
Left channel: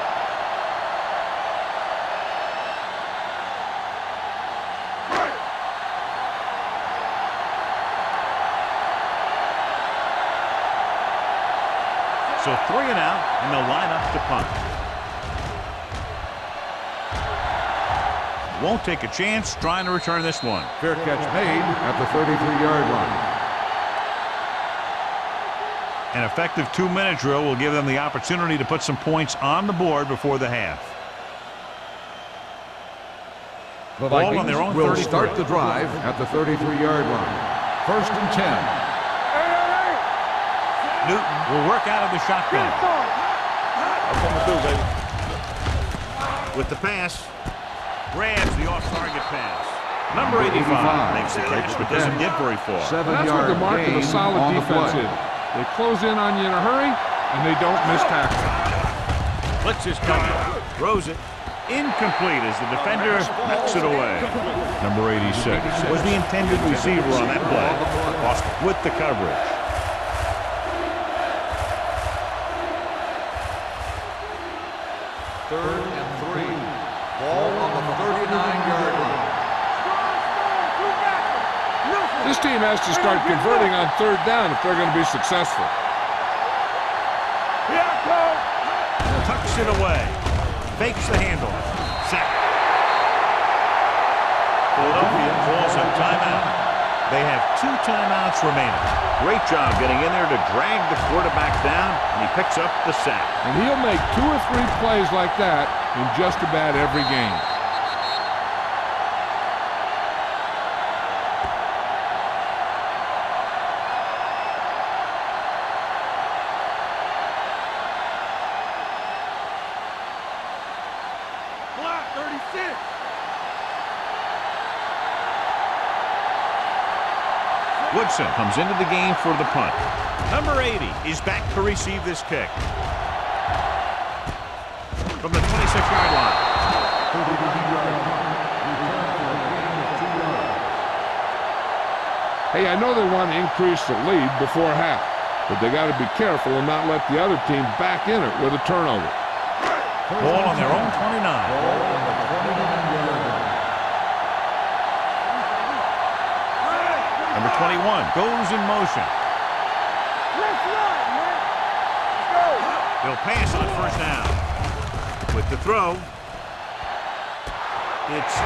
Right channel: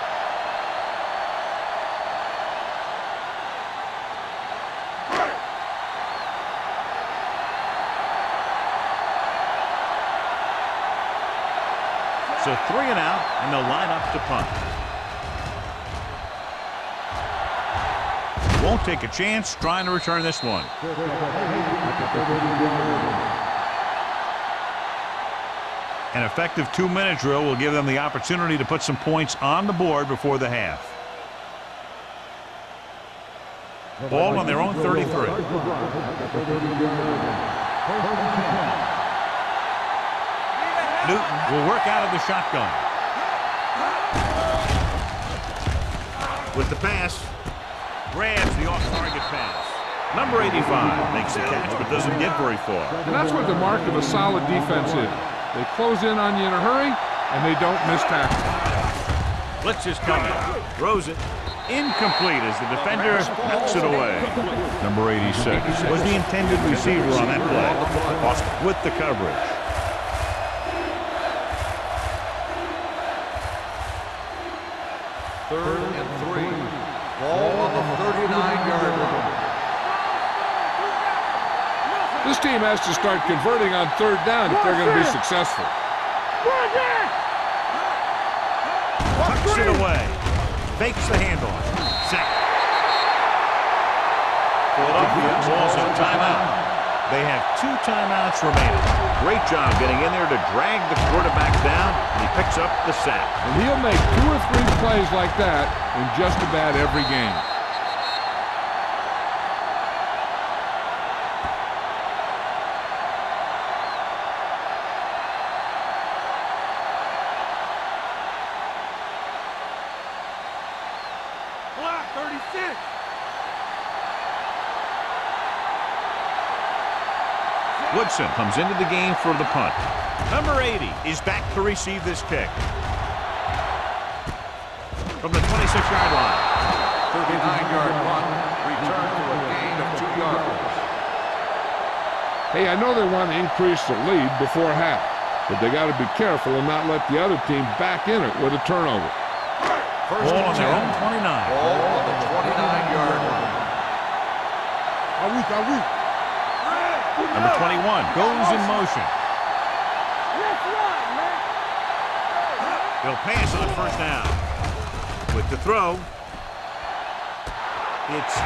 So 3 and out, and they'll line up to punt. Won't take a chance trying to return this one. Fair catch made at the 33-yard line. An effective 2-minute drill will give them the opportunity to put some points on the board before the half. The Ball on their own will 33. Start the drive at the 33-yard line. 1st and 10. Newton will work out of the shotgun. With the pass, grabs the off-target pass. Number 85 makes the catch but doesn't get very far. And that's what the mark of a solid defense is. They close in on you in a hurry, and they don't miss tackle. Blitz is coming. Throws it. Incomplete as the defender knocks it away. Number 86 was the intended receiver on that play. Austin with the coverage. Third and 3. Ball on the 39-yard line. This team has to start converting on 3rd down if they're going to be successful. Tucks it away. Fakes the handoff. Sack. Philadelphia calls a timeout. They have 2 timeouts remaining. Great job getting in there to drag the quarterback down, and he picks up the sack. And he'll make 2 or 3 plays like that in just about every game. Black 36. Woodson comes into the game for the punt. Number 80 is back to receive this kick. From the 26-yard line. 39-yard line. Return for a gain of 2 yards. Hey, I know they want to increase the lead before half, but they got to be careful and not let the other team back in it with a turnover. Ball on their own 29. Ball on the 29-yard line. Number 21 goes in motion. Let's run, man. Let's go. They'll pass on 1st down. With the throw. It's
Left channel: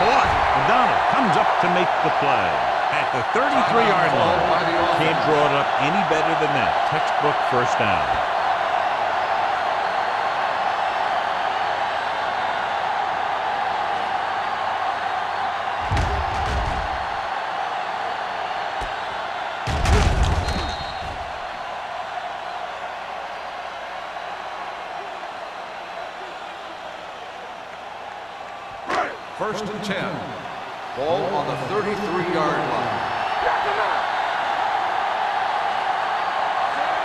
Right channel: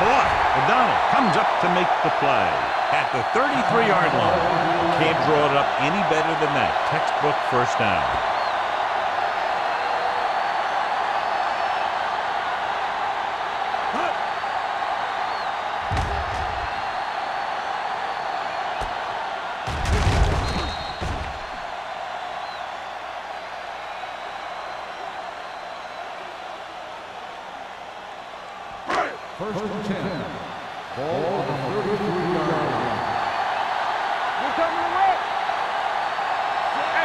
caught. O'Donnell comes up to make the play. At the 33-yard line. Can't draw it up any better than that. Textbook 1st down. First and 10. Ball on the 33-yard line.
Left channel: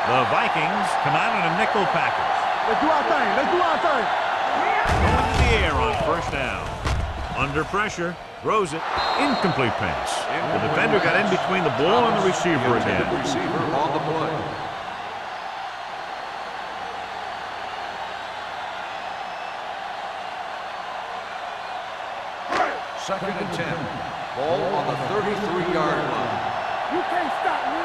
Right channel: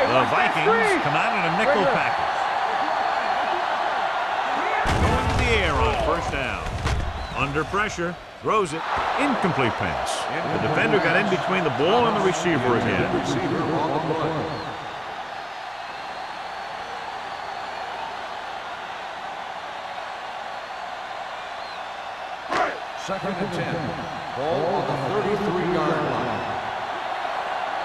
The Vikings come out in a nickel package. Going to the air on 1st down. Under pressure, throws it. Incomplete pass. The defender got in between the ball and the receiver again. Receiver on the play. Second and 10. Ball on the 33-yard line. You can't stop me.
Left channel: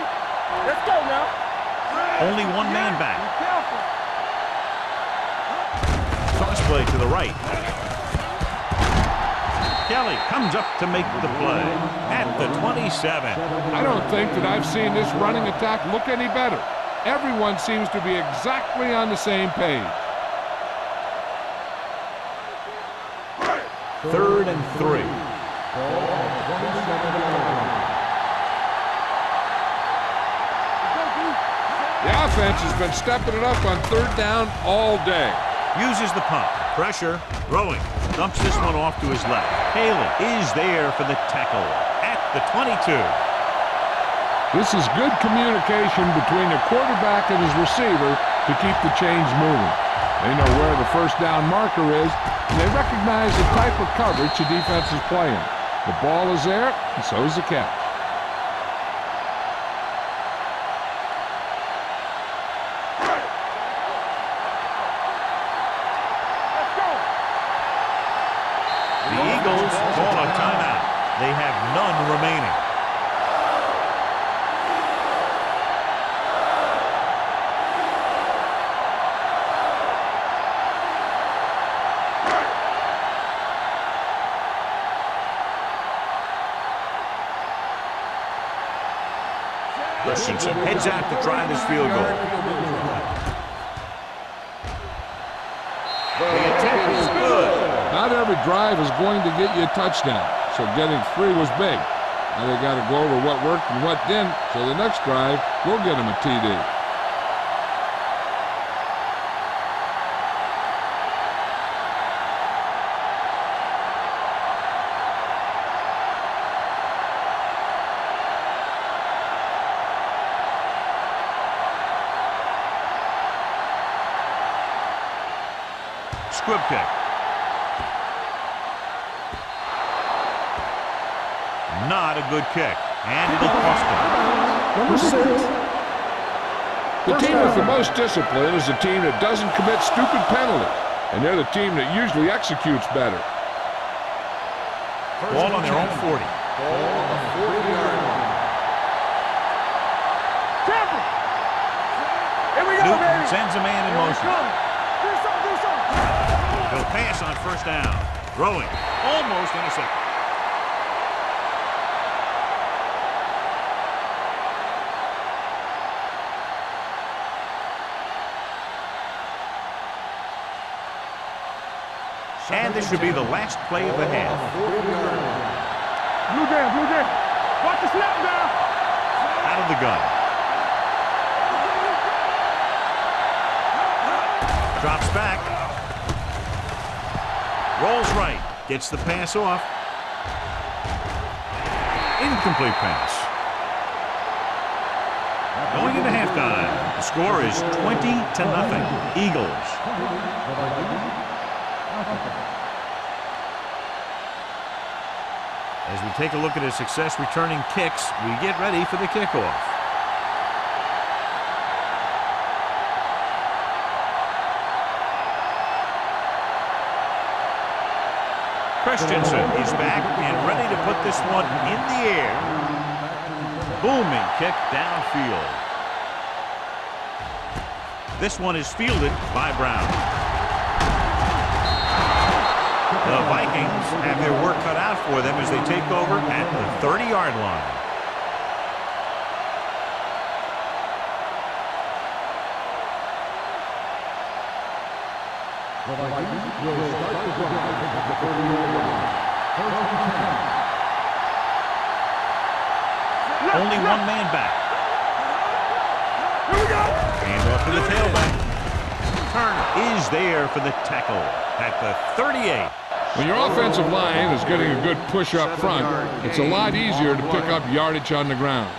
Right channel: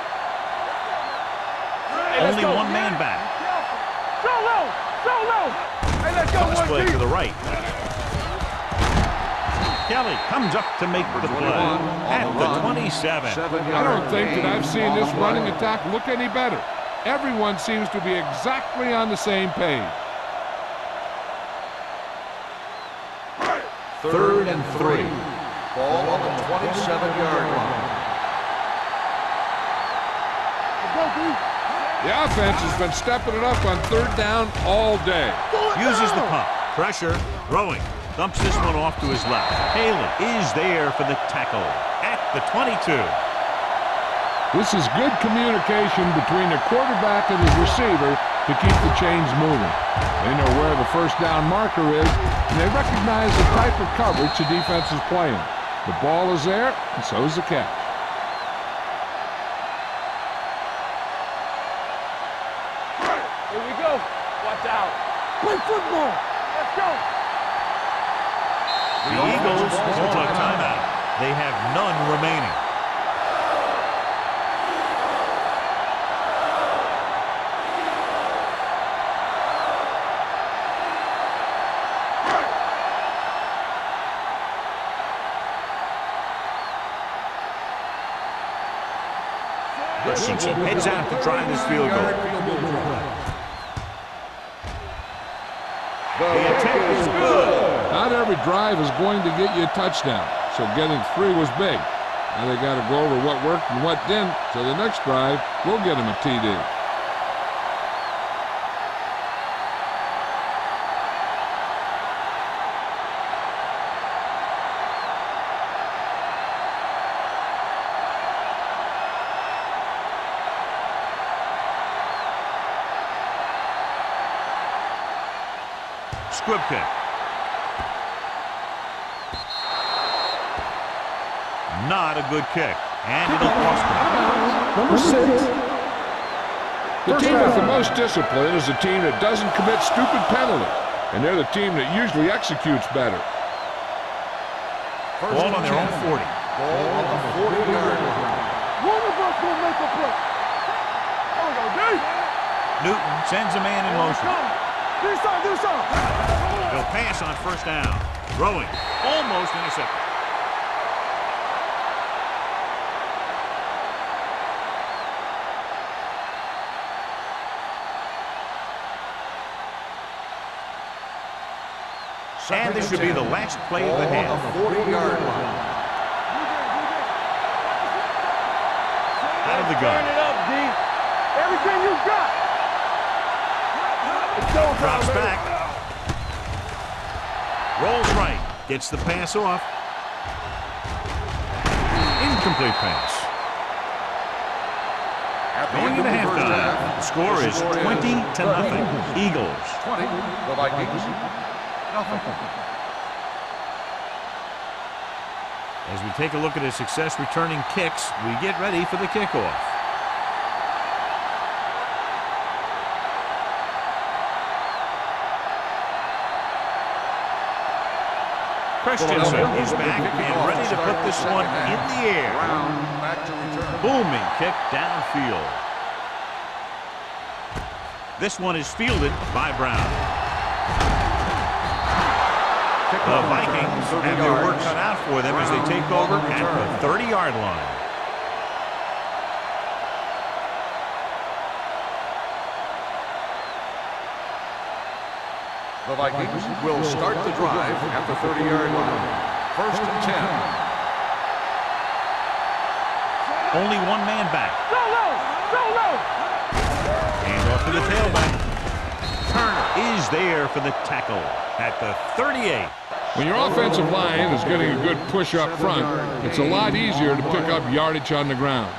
Let's go now. Only one man back. Be careful. Go low. Go low. Hey, let's go. Toss play to the right. Kelly comes up to make the play at the 27. I don't think that I've seen this running attack look any better. Everyone seems to be exactly on the same page. 3rd and 3. Ball on the 27-yard line. The offense has been stepping it up on 3rd down all day. Uses the pump. Pressure. Throwing. Dumps this one off to his left. Haley is there for the tackle at the 22. This is good communication between the quarterback and his receiver to keep the chains moving. They know where the 1st down marker is, and they recognize the type of coverage the defense is playing. The ball is there, and so is the catch. They have none remaining. Christensen heads out to try this field goal. The attempt is good. Not every drive is going to get you a touchdown, so getting 3 was big. Now they got to go over what worked and what didn't, so the next drive will get them a TD. Squib kick. Not a good kick, and it'll cost him. Number 6. The team with the most discipline is the team that doesn't commit stupid penalties, and they're the team that usually executes better. Ball on their own 40. Ball on the 40-yard line. Newton sends a man in motion. Do something. He'll pass on first down. Throwing. Almost intercepted. And this should be the last play of the half. On the 40-yard line. You there. Watch the snap down. Out of the gun. Turn it up, D. Everything you got. Drops back. Rolls right. Gets the pass off. Incomplete pass. Going into halftime. The score is 20-0. Eagles. 20, the Vikings. Nothing. As we take a look at his success returning kicks, we get ready for the kickoff. Christensen is back and ready to put this one in the air. Booming kick downfield. This one is fielded by Brown. The Vikings have their work cut out for them as they take over at the 30-yard line. The Vikings will start the drive at the 30-yard line. First and 10. Only one man back. Hand off to the tailback. Turner is there for the tackle at the 38. When your offensive line is getting a good push up front, it's a lot easier to pick up yardage on the ground.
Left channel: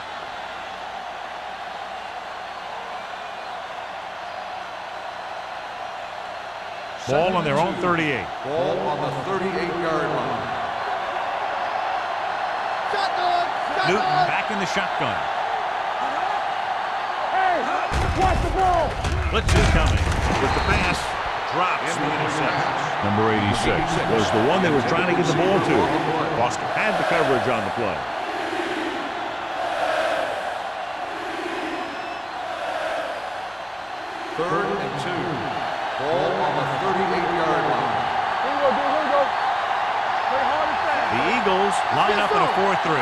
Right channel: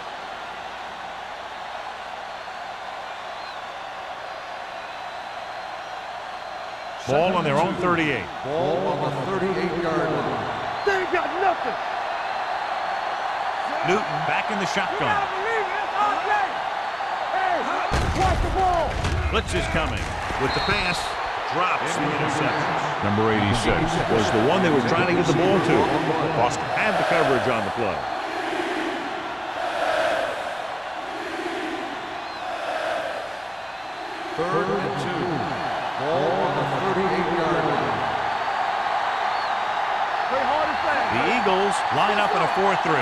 Ball on their own 38. Ball on the 38-yard line. They ain't got nothing. Newton back in the shotgun. Hey, watch the ball. Blitz is coming. With the pass, drops the interception. Number 86 was the one they were trying to get the ball to. Boston had the coverage on the play. Third and 2. Ball on the 38-yard line. Play hard and fast. The Eagles line up in a 4-3.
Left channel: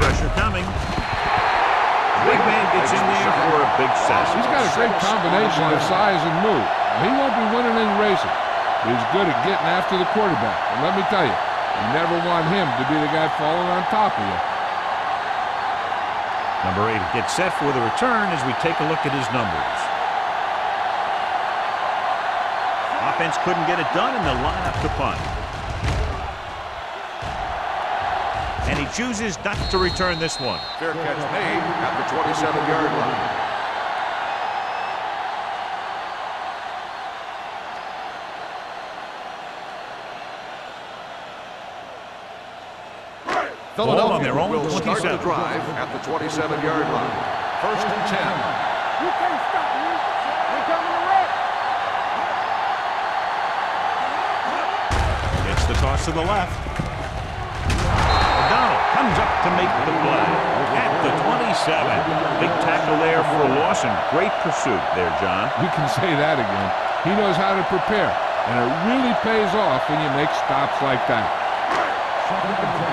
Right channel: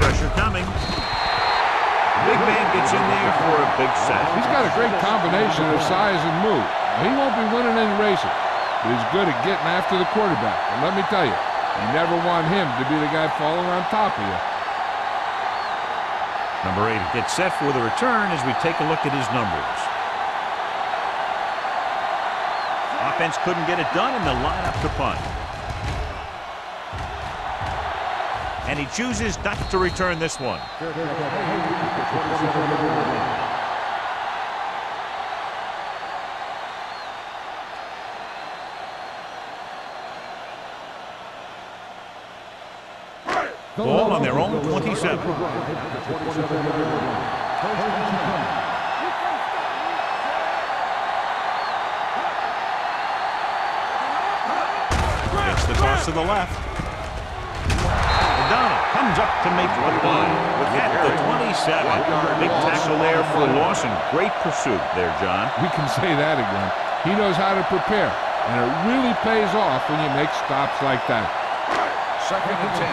Pressure coming. The big man gets in there for a big sack. He's got a great combination of size and move. Now, he won't be winning any races, but he's good at getting after the quarterback. And let me tell you, you never want him to be the guy falling on top of you. Number 8 gets set for the return as we take a look at his numbers. Offense couldn't get it done in the lineup to punt. And he chooses not to return this one. Fair catch made at the 27-yard line. Ball on their own will start the 27. drive at the 27-yard line. First and 10. You can't stop me. It's the toss to the left. Donald comes up to make the play at the 27. Big tackle there for a loss and great pursuit there, John. We can say that again. He knows how to prepare, and it really pays off when you make stops like that. Second and 10.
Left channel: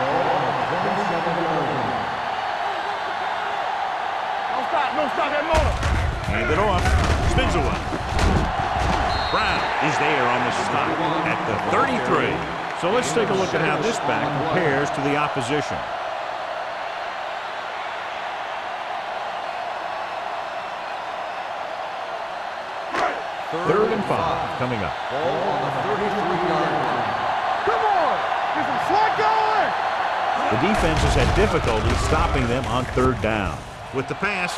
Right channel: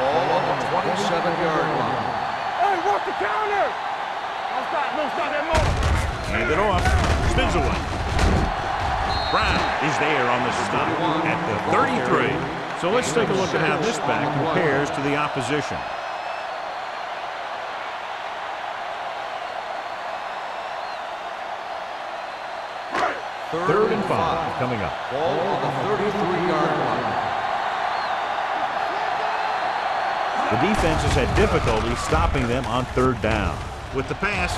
Ball on the 27-yard line. Hey, what's the counter? Don't stop that motor. Hand it off. Spins away. Brown is there on the stop at the 33. So let's take a look at how this back compares to the opposition. Third and 5 coming up. Ball on the 33-yard line. Come on. There's some slack going. The defense has had difficulty stopping them on third down. With the pass,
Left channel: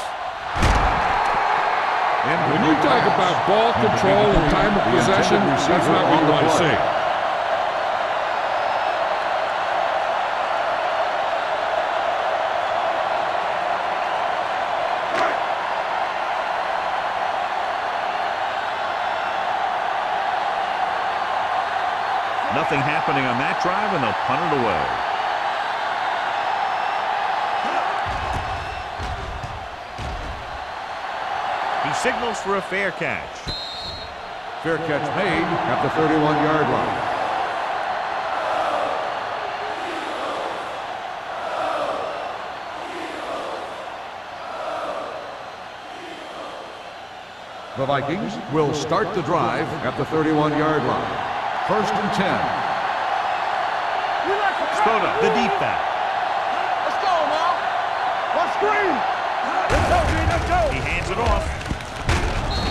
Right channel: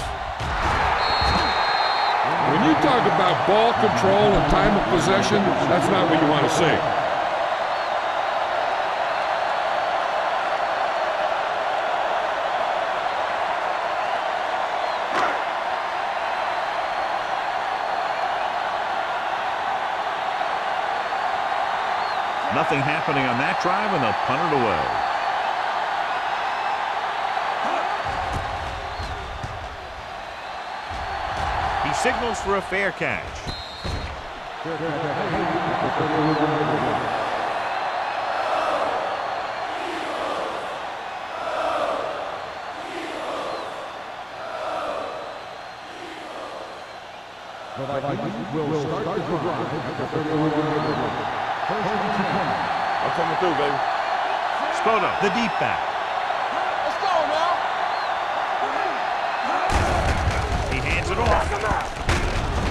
When you talk about ball control and time of possession, that's not what you want to see. nothing happening on that drive, and they'll punt it away. He signals for a fair catch. Fair catch made at the 31-yard line. The Vikings will start the drive at the 31-yard line. First and 10. What's coming through, baby? Spoto, the deep back. Let's go now. Let's screen. He hands it off.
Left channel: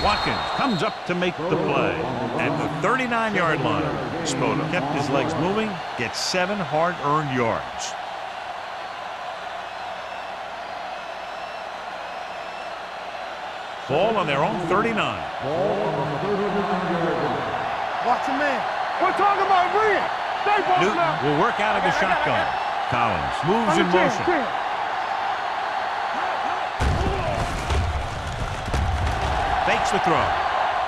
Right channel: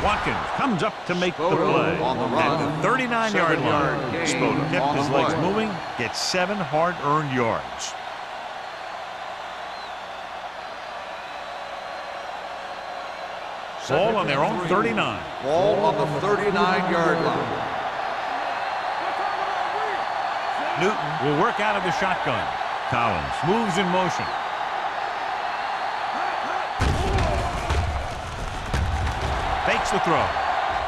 Watkins comes up to make the play at the 39-yard line. Spoto kept his legs moving, gets 7 hard-earned yards. Ball on their own 39. Ball on the 39-yard line. Watch your man. We're talking about bringing. Newton will work out of the shotgun. Collins moves in motion. Fakes the throw.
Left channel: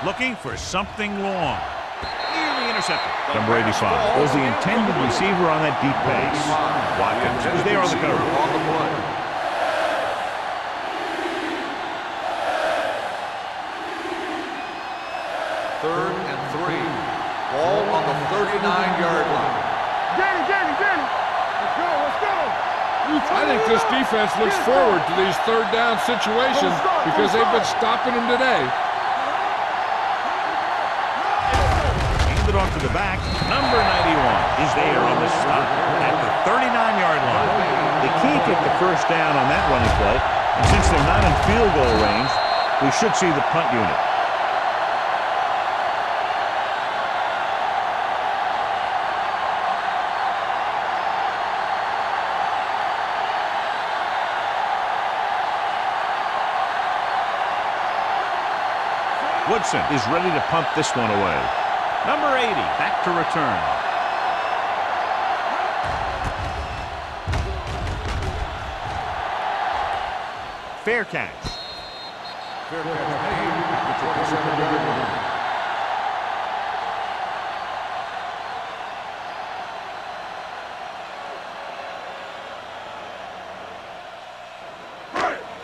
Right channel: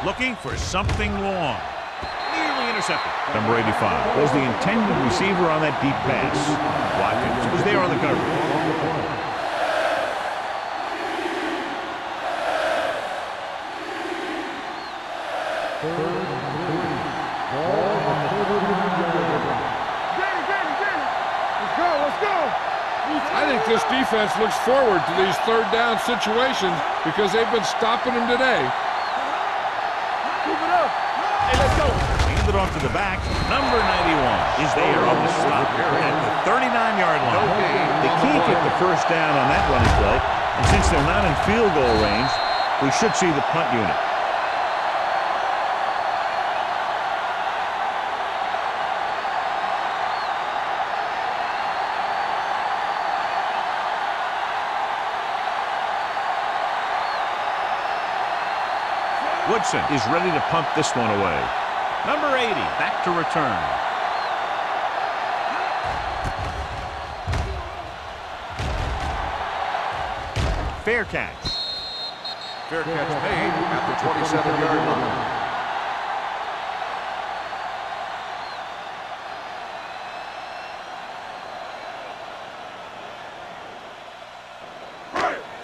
Looking for something long. Nearly intercepted. Number 85 was the intended receiver on that deep pass. Watkins was there on the coverage. Third and 3. Ball on the 39-yard line. Danny. Let's go. I think this defense looks forward to these third down situations because they've been stopping them today. Keep it up. Hey, let's go. Handed off to the back. Number 91 is there on the stop at the 39-yard line. They can't get the first down on that running play, and since they're not in field goal range, we should see the punt unit. Woodson is ready to punt this one away. Number 80 back to return. Fair catch. Fair catch made at the 27-yard line.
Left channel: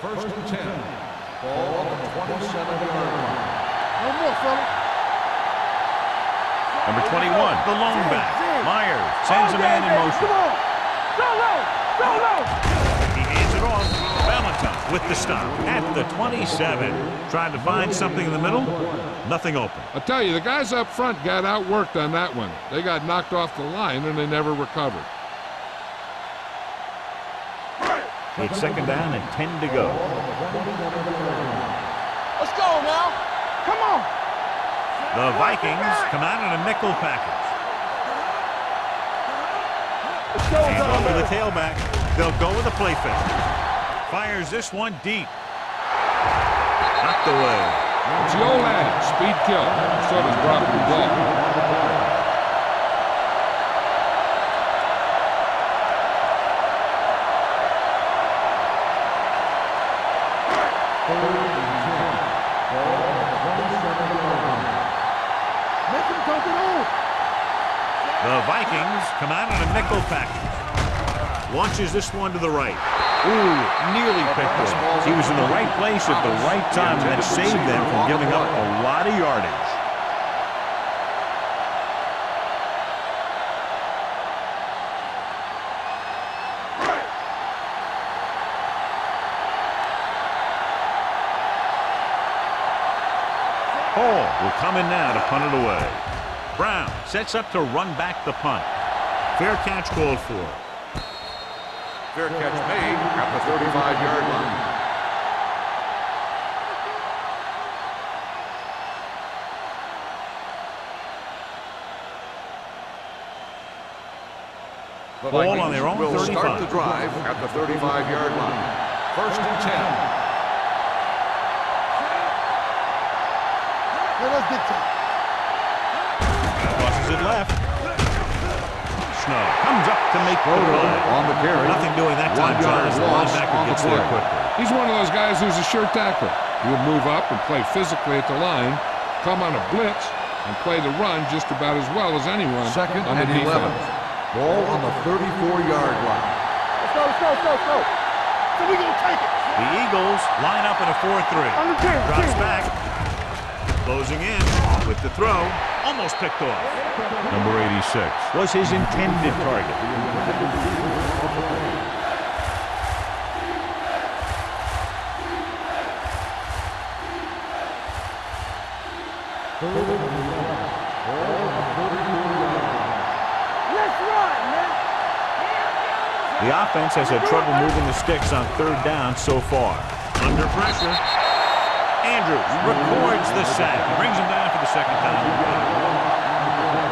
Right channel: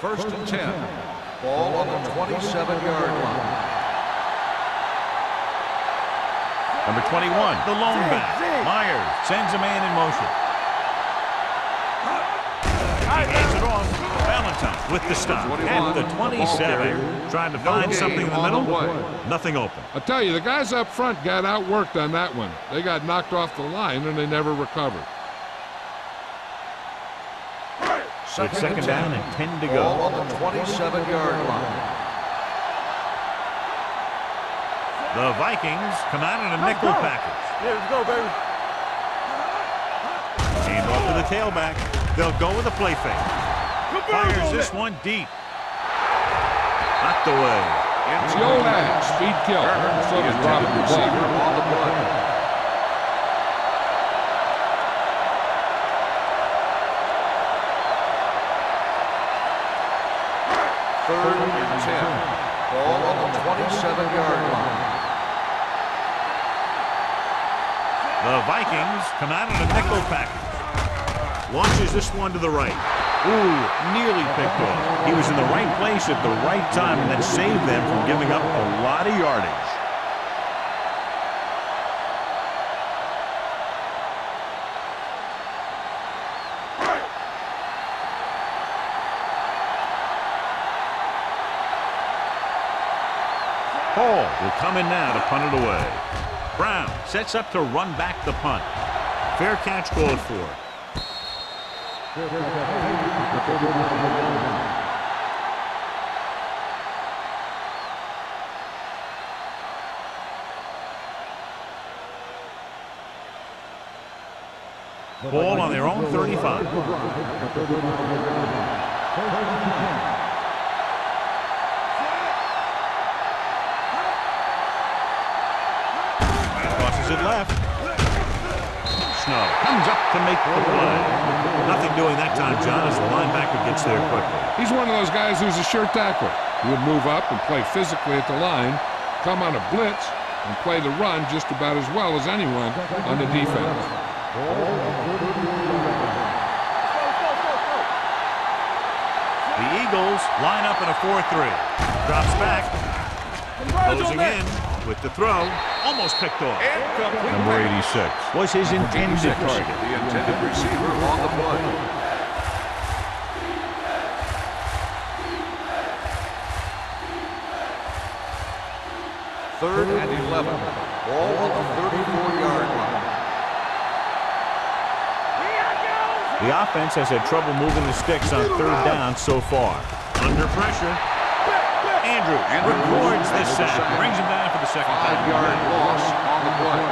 First and 10. Ball on the 27-yard line. One more, fella. Number 21, the lone back. Myers sends a man in motion. He hands it off. Valentine with the stop at the 27. Trying to find something in the middle. Nothing open. I'll tell you, the guys up front got outworked on that one. They got knocked off the line and they never recovered. It's second down and 10 to go. Ball on the 27-yard line. Let's go now. Come on. The Vikings come out in a nickel package. Yeah, let's go, baby. Hand off to the tailback. They'll go with a play fake. Fires this one deep. Knocked away. It's the old adage, speed kill. So does dropping the ball. Third and 10. Ball on the 27-yard line. Make him come through. The Vikings come out in a nickel package. Launches this one to the right. Ooh, nearly picked off. He was in the right place at the right time, and that saved them from giving up a lot of yardage. Hall will come in now to punt it away. Brown sets up to run back the punt. Fair catch called for. Fair catch made at the 35-yard line. Ball on their own will 35. Start the drive at the 35-yard line. 1st and 10. Crosses it left. Snow comes up to make the play. Nothing doing that time, John, as the linebacker gets there quickly. He's one of those guys who's a sure tackler. He'll move up and play physically at the line, come on a blitz, and play the run just about as well as anyone on the defense. Ball on the 34-yard line. Let's go. So we're going to take it. The Eagles line up in a 4-3. Drops back. Closing in with the throw. Almost picked off. Number 86 was his intended target. The intended receiver on the play. Third and 11. Ball on the 34-yard line. The offense has had trouble moving the sticks on 3rd down so far. Under pressure. Andrews records the sack. He brings him down for the 2nd time. Loss on the play.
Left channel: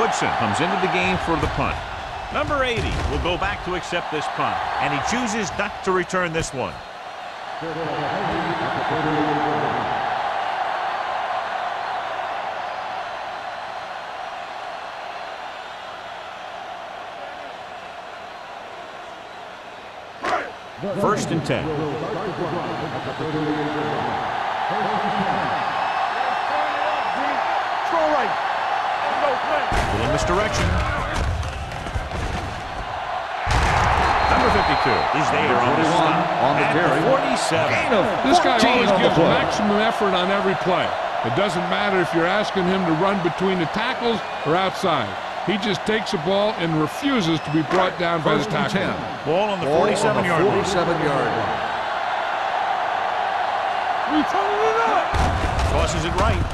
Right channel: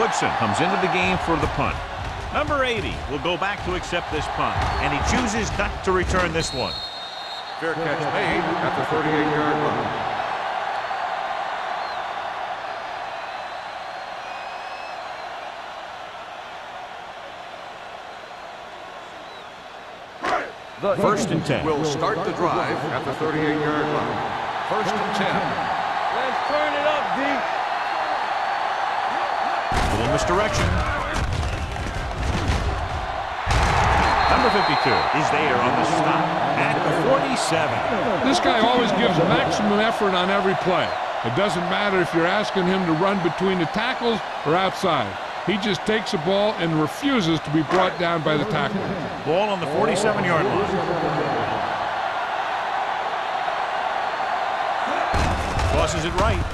Woodson comes into the game for the punt. Number 80 will go back to accept this punt, and he chooses not to return this one. Fair catch made at the 38-yard line. First and 10. Will start the drive at the 38-yard line. 1st and 10. Let's turn it up, D. Throw right. Little misdirection. Number 52 is there on the stop at the 47. This guy always gives maximum effort on every play. It doesn't matter if you're asking him to run between the tackles or outside. He just takes the ball and refuses to be brought down by the tackle. Ball on the 47-yard line. 47-yard line. Tosses it right.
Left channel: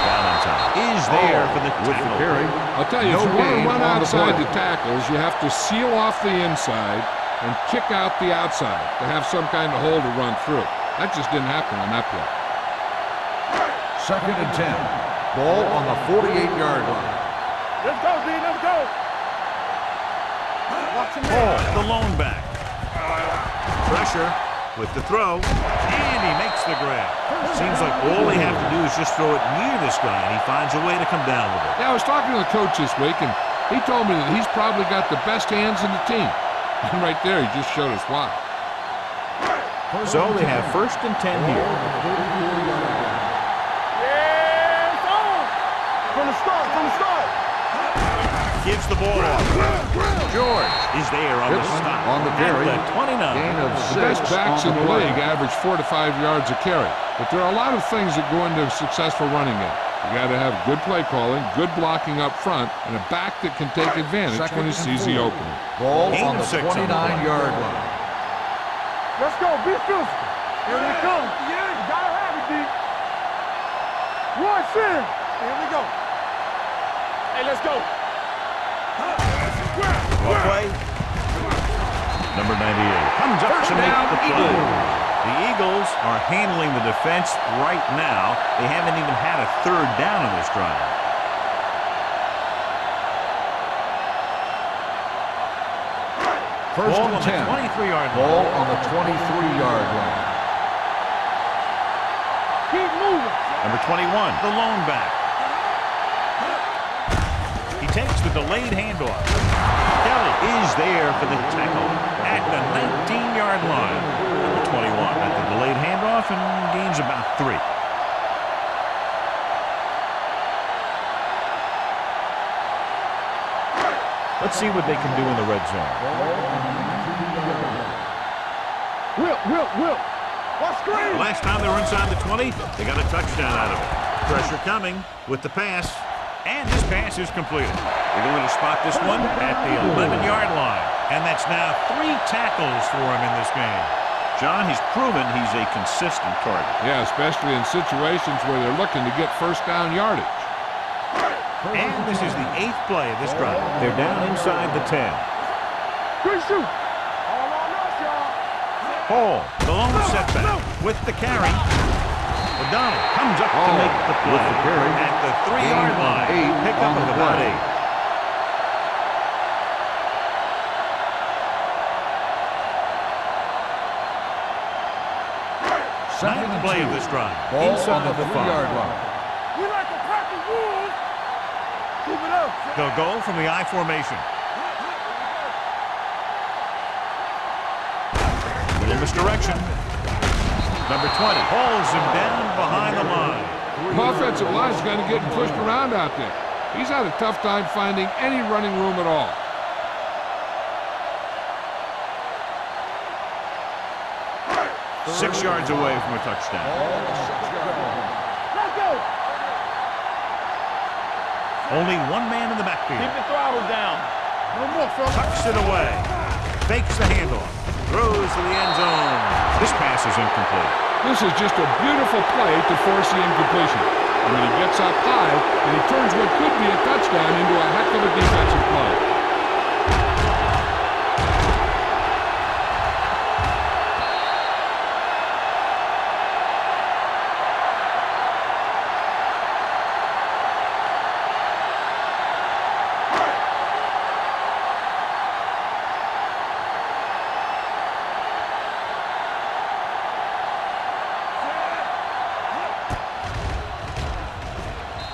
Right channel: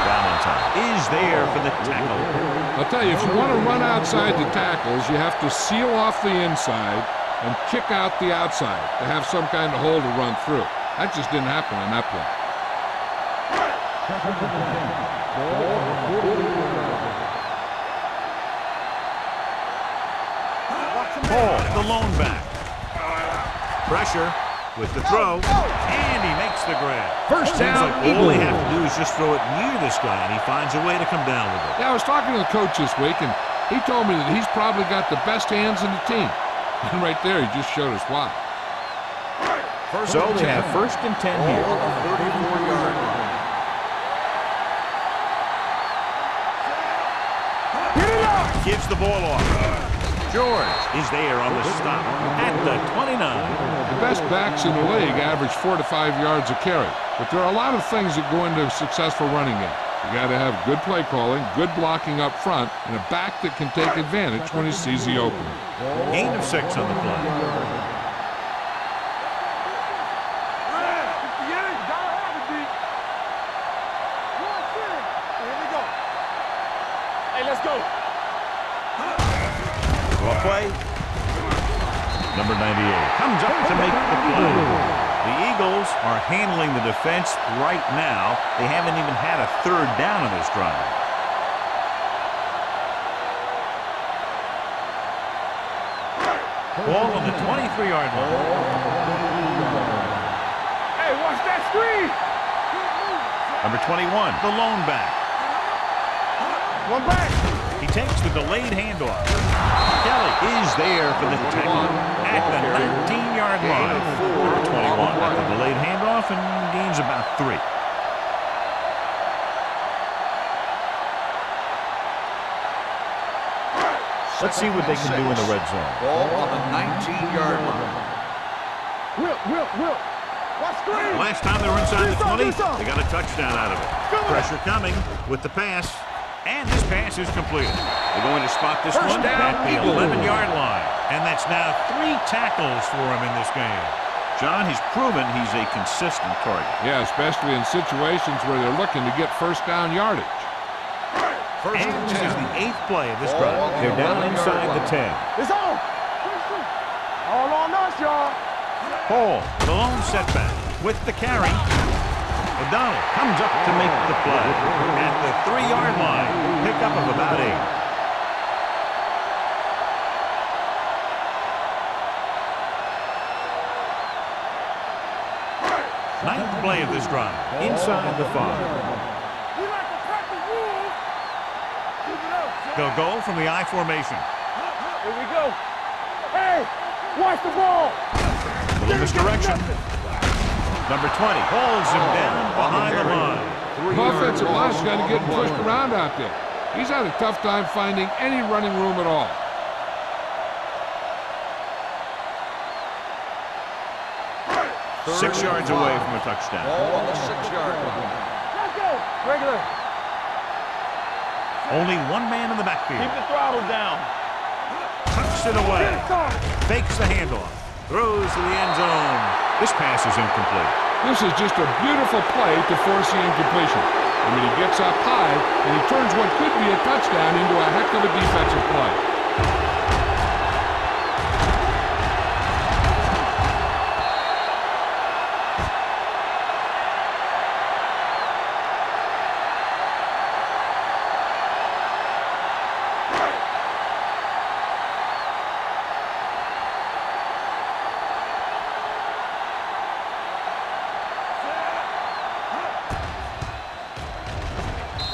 Valentine is there for the tackle. I'll tell you, if you want to run outside the tackles, you have to seal off the inside and kick out the outside to have some kind of hole to run through. That just didn't happen on that play. 2nd and 10. Ball on the 48-yard line. Let's go, D. Let's go. Watch him Hall, the lone back. Pressure with the throw, and he makes the grab. Seems like all they have to do is just throw it near this guy, and he finds a way to come down with it. Yeah, I was talking to the coach this week, and he told me that he's probably got the best hands in the team. And right there, he just showed us why. So they have 1st and 10 here. Gives the ball off. George is there on the stop at the 29. The best backs in the league average 4 to 5 yards a carry. But there are a lot of things that go into a successful running game. You got to have good play calling, good blocking up front, and a back that can take advantage when he sees the opening. Gain of 6 on the play. Let's go, be physical. Here we go. Yeah, you gotta have it, D. One sin. Here we go. Hey, let's go. Well play. Number 98 comes up to make the play. The Eagles are handling the defense right now. They haven't even had a 3rd down in this drive. Ball on the 23-yard line. Ball on the 23-yard line. Hey, watch that screen. Keep moving. Number 21, the lone back. One back. He takes the delayed handoff. Kelly is there for the tackle at the 19-yard line. Number 21 at the delayed handoff and gains about 3. Let's see what they can do in the red zone. Ball on the 19-yard line. Will. What screen? The last time they were inside the 20, they got a touchdown out of it. Pressure coming with the pass, and this pass is completed. They're going to spot this one at the 11-yard line, and that's now 3 tackles for him in this game. John, he's proven he's a consistent target. Yeah, especially in situations where they're looking to get first down yardage. And this is the 8th play of this drive. They're down inside the 10. It's on. Quick shoot. All on us, y'all. Hall, the lone setback with the carry. O'Donnell comes up to make the play at the 3-yard line. Pickup of about 8. Ninth play of this drive. Inside the 5. We like to pack the wolves. Keep it up. They'll go from the I formation. Here we go. Hey, watch the ball. Little misdirection. Number 20 holds him down behind the line. The offensive line's got to get pushed around out there. He's had a tough time finding any running room at all. Six yards away from a touchdown. Ball on the 6-yard line. Let's go. Bring it up. Only one man in the backfield. Keep the throttle down. Tucks it away. Fakes the handoff. Throws to the end zone. This pass is incomplete. This is just a beautiful play to force the incompletion. I mean, he gets up high, and he turns what could be a touchdown into a heck of a defensive play.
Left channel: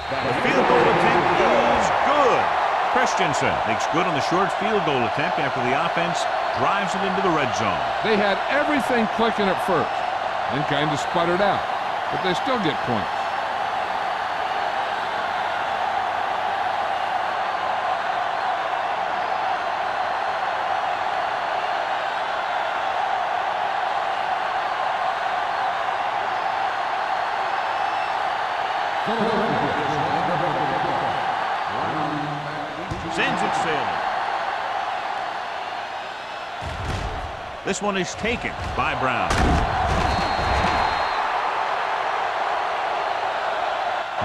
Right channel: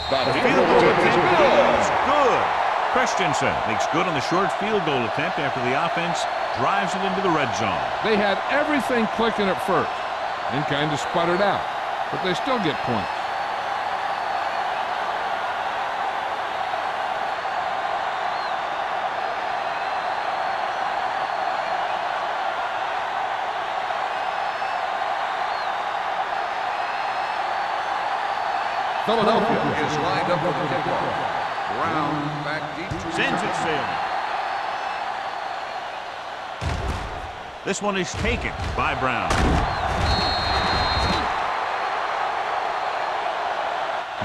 The field goal attempt is good. Christensen makes good on the short field goal attempt after the offense drives it into the red zone. They had everything clicking at first and kind of sputtered out, but they still get points. Philadelphia is lined up for the kickoff. Brown back deep. Sends it sailing. This one is taken by Brown.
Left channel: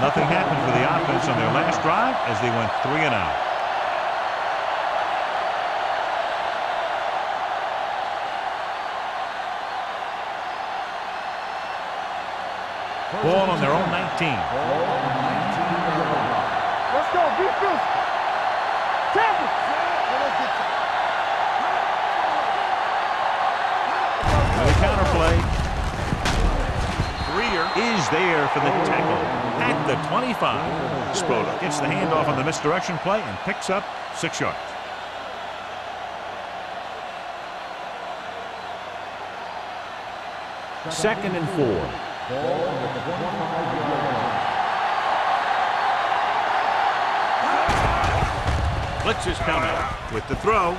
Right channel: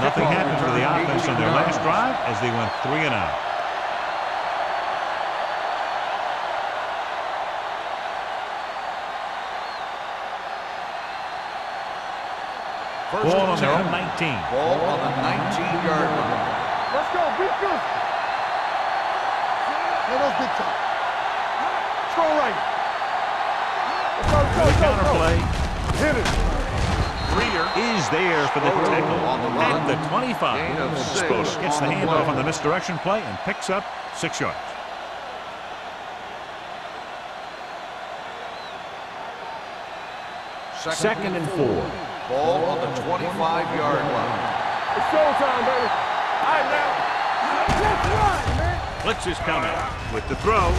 Nothing happened for the offense on their last drive as they went 3 and out. Ball on their own 19. Ball on the 19-yard line. Let's go. Be physical. Tackle. Let us dictate. Go right. The counterplay. Greer is there for the tackle at the 25. Spoda gets the handoff on the misdirection play and picks up 6 yards. Second and 4. Ball on the 25-yard line. It's showtime, baby. Blitz is coming with the throw.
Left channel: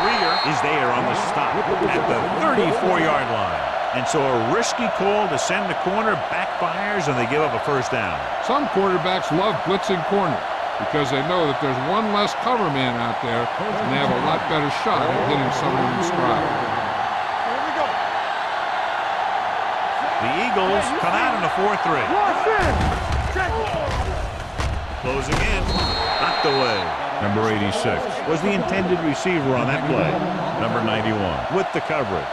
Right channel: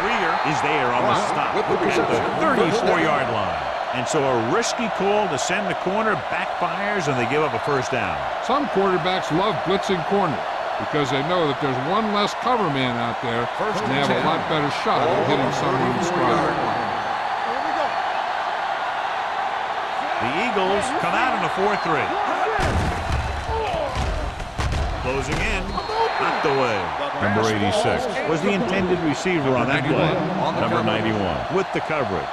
Greer is there on the stop at the 34-yard line. And so a risky call to send the corner backfires and they give up a first down. Some quarterbacks love blitzing corners because they know that there's one less cover man out there and they have a lot better shot at hitting someone in stride. The Eagles come out in a 4-3. Closing in, knocked away. Number 86 was the intended receiver on that play. Number 91 with the coverage.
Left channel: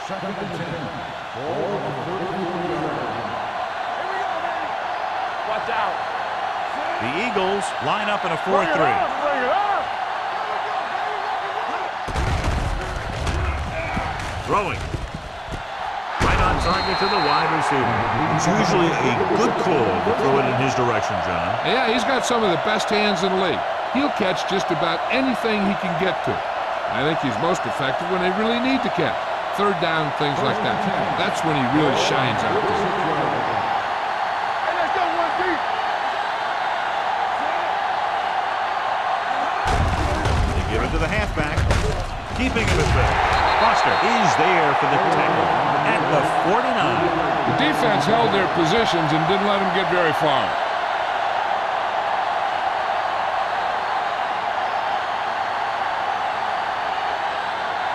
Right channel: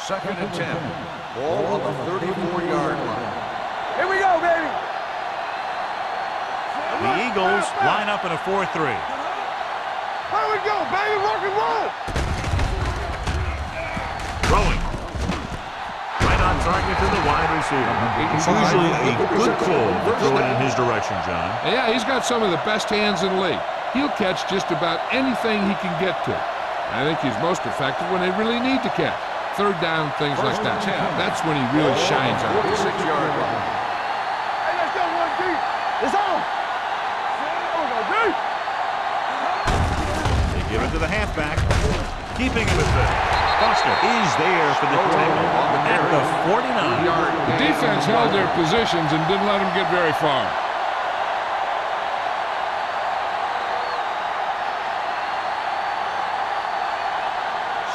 Second and 10. Ball on the 34-yard line. Here we go, baby. Watch out. The Eagles line up in a 4-3. Throwing. Right on target to the wide receiver. It's usually a good call to throw it in his direction, John. Yeah, he's got some of the best hands in the league. He'll catch just about anything he can get to. I think he's most effective when they really need to catch. Third down, things like that. That's when he really shines out there. Hey, let's go one deep. It's on. They give it to the halfback. Keeping him at bay. Foster is there for the tackle at the 49. The defense held their positions and didn't let him get very far.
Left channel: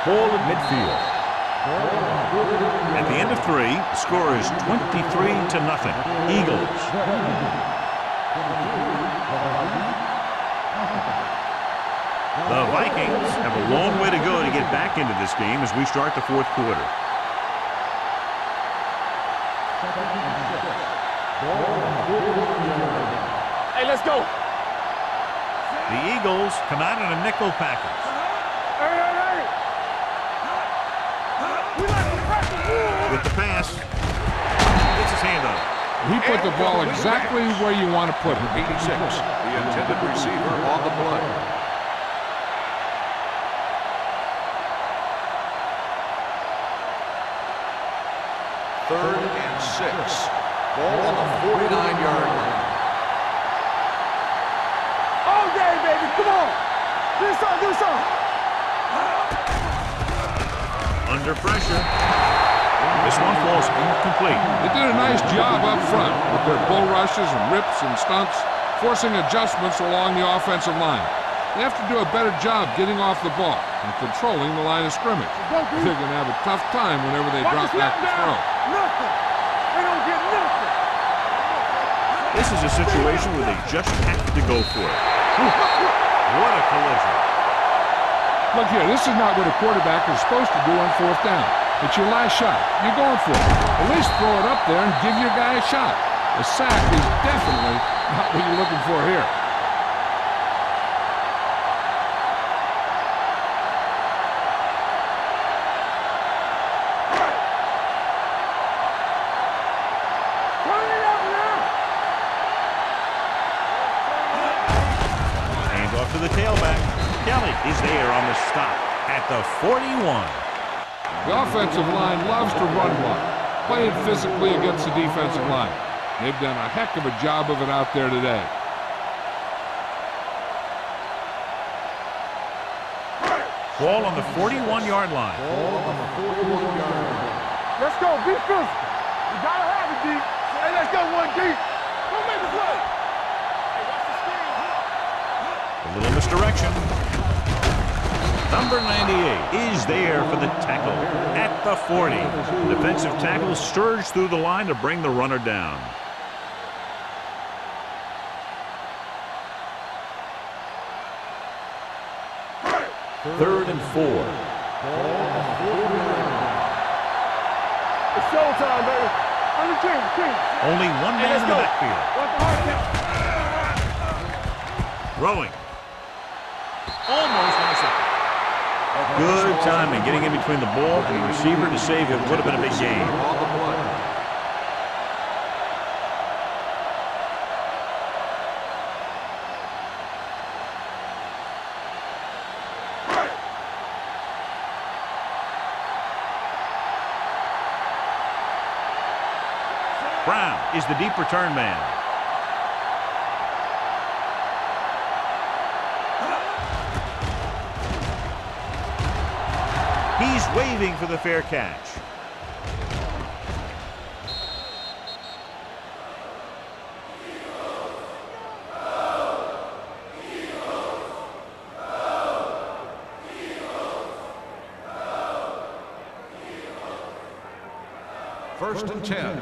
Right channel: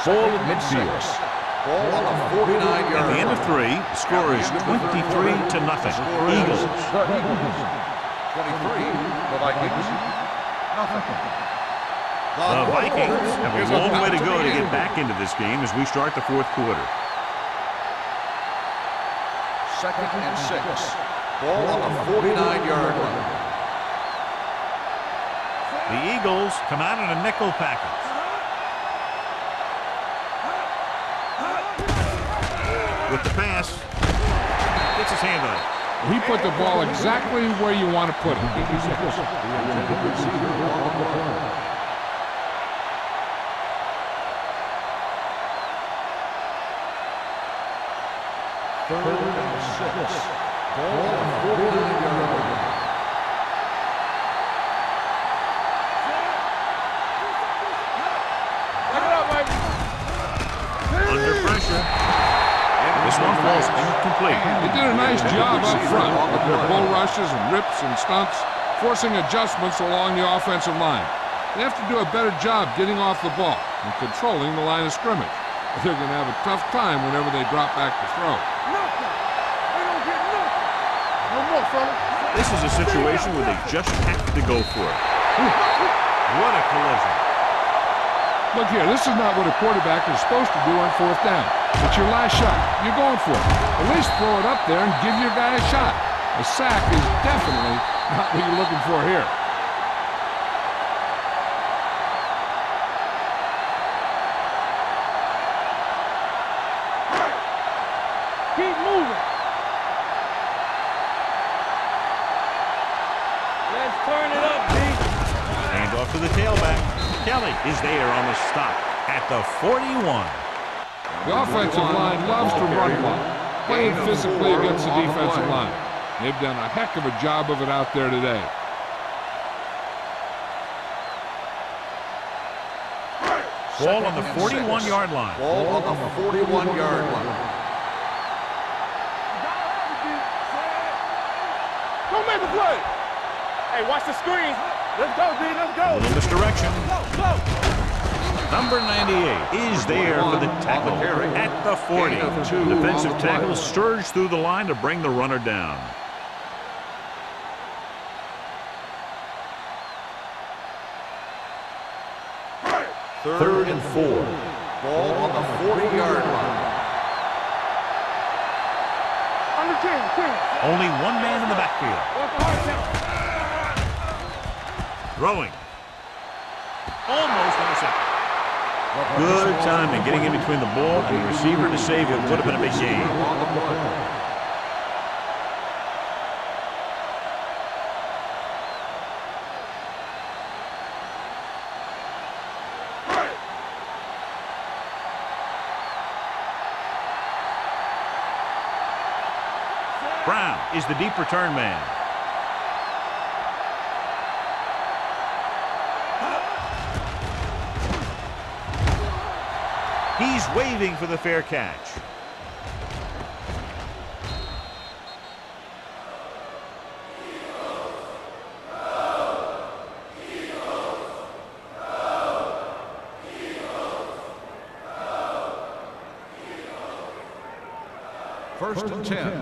Ball at midfield. Ball on the 49-yard. At the end of 3, the score is 23-0. Eagles. 23, the Vikings. The Vikings have a long way to go to get back into this game as we start the fourth quarter. 2nd and 6. Ball on the 49-yard line. Hey, let's go. The Eagles come out in a nickel package. With the pass, gets his hand on it. He put the ball exactly where you want to put it. 86, the intended receiver on the play. Third and 6. Ball on the 49-yard line. Oh, yeah, baby, come on. Do something. Under pressure. This one falls incomplete. They did a nice job up front with their bull rushes and rips and stunts, forcing adjustments along the offensive line. They have to do a better job getting off the ball and controlling the line of scrimmage. They're going to have a tough time whenever they drop back to throw. Nothing. They don't get nothing. This is a situation where they just have to go for it. What a collision. Look here, this is not what a quarterback is supposed to do on fourth down. It's your last shot. You're going for it. At least throw it up there and give your guy a shot. A sack is definitely not what you're looking for here. Keep moving. Turn it up now. Let's turn it up, B. Hand off to the tailback. Kelly is there on the stop at the 41. The offensive line loves to run block, playing physically against the defensive line. They've done a heck of a job of it out there today. Ball on the 41-yard line. Ball on the 41-yard line. Let's go, defense. You gotta have it, D. Say, let's go one deep. Go make a play. Hey, watch the screen. Let's go, D. Let's go. A little misdirection. Number 98 is there for the tackle at the 40. The defensive tackle surged through the line to bring the runner down. Third and 4. Ball on the 40-yard line. It's showtime, baby. Under 10. Only one man in the backfield. What's the hard count? Throwing. Almost intercepted. Good timing getting in between the ball and the receiver to save what would have been a big game. On the play. Brown is the deep return man. He's waving for the fair catch. First and 10.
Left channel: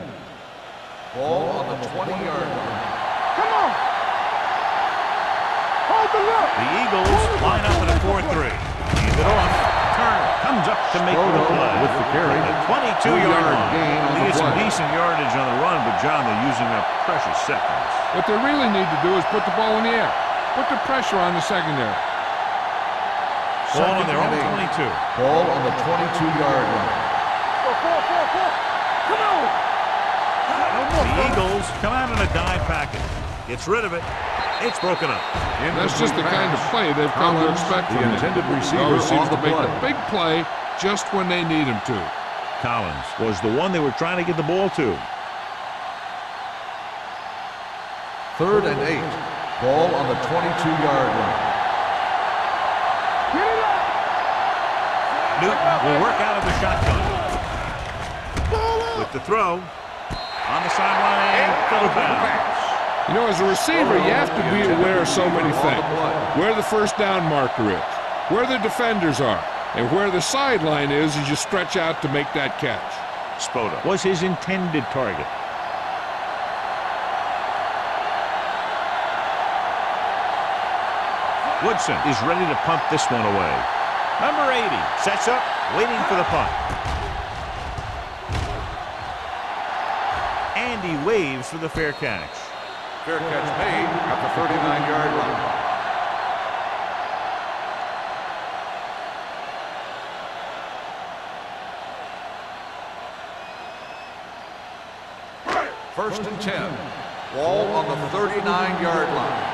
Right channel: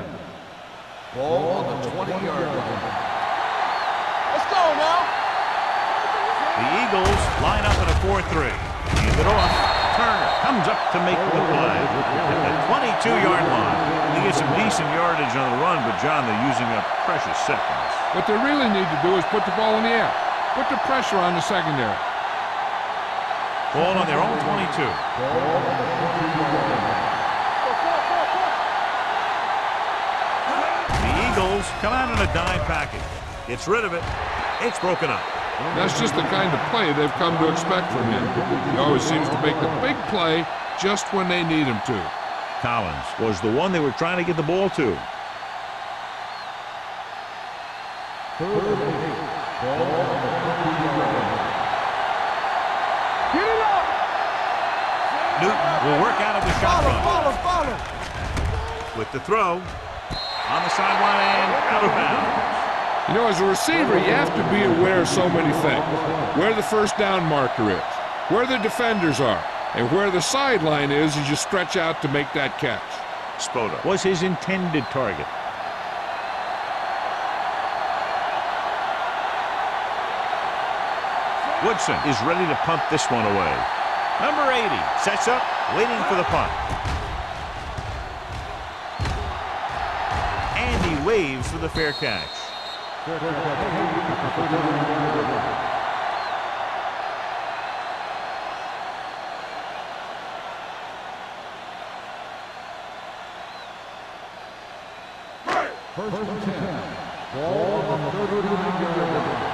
Ball on the 20-yard line. Come on. Let's go, now. Hold the line. The Eagles line up in a 4-3. Hand it off. Turner comes up to make the play at the 22-yard line. They get some decent yardage on the run, but, John, they're using up precious seconds. What they really need to do is put the ball in the air. Put the pressure on the secondary. Ball on their own 22. Ball on the 22-yard line. Go, 4. The Eagles come out in a dime package. Gets rid of it. It's broken up. That's just the kind of play they've come to expect from him. He always seems to make the big play just when they need him to. Collins was the one they were trying to get the ball to. 3rd and 8. Ball on the 22-yard line. Get it up! Newton will work out of the shotgun. With the throw on the sideline and out of bounds. You know, as a receiver, you have to be aware of so many things. Where the first down marker is, where the defenders are, and where the sideline is as you stretch out to make that catch. Spoda was his intended target. Woodson is ready to punt this one away. Number 80 sets up, waiting for the punt. And he waves for the fair catch. Fair catch made at the 39-yard line. First and 10. Ball on the 39-yard line.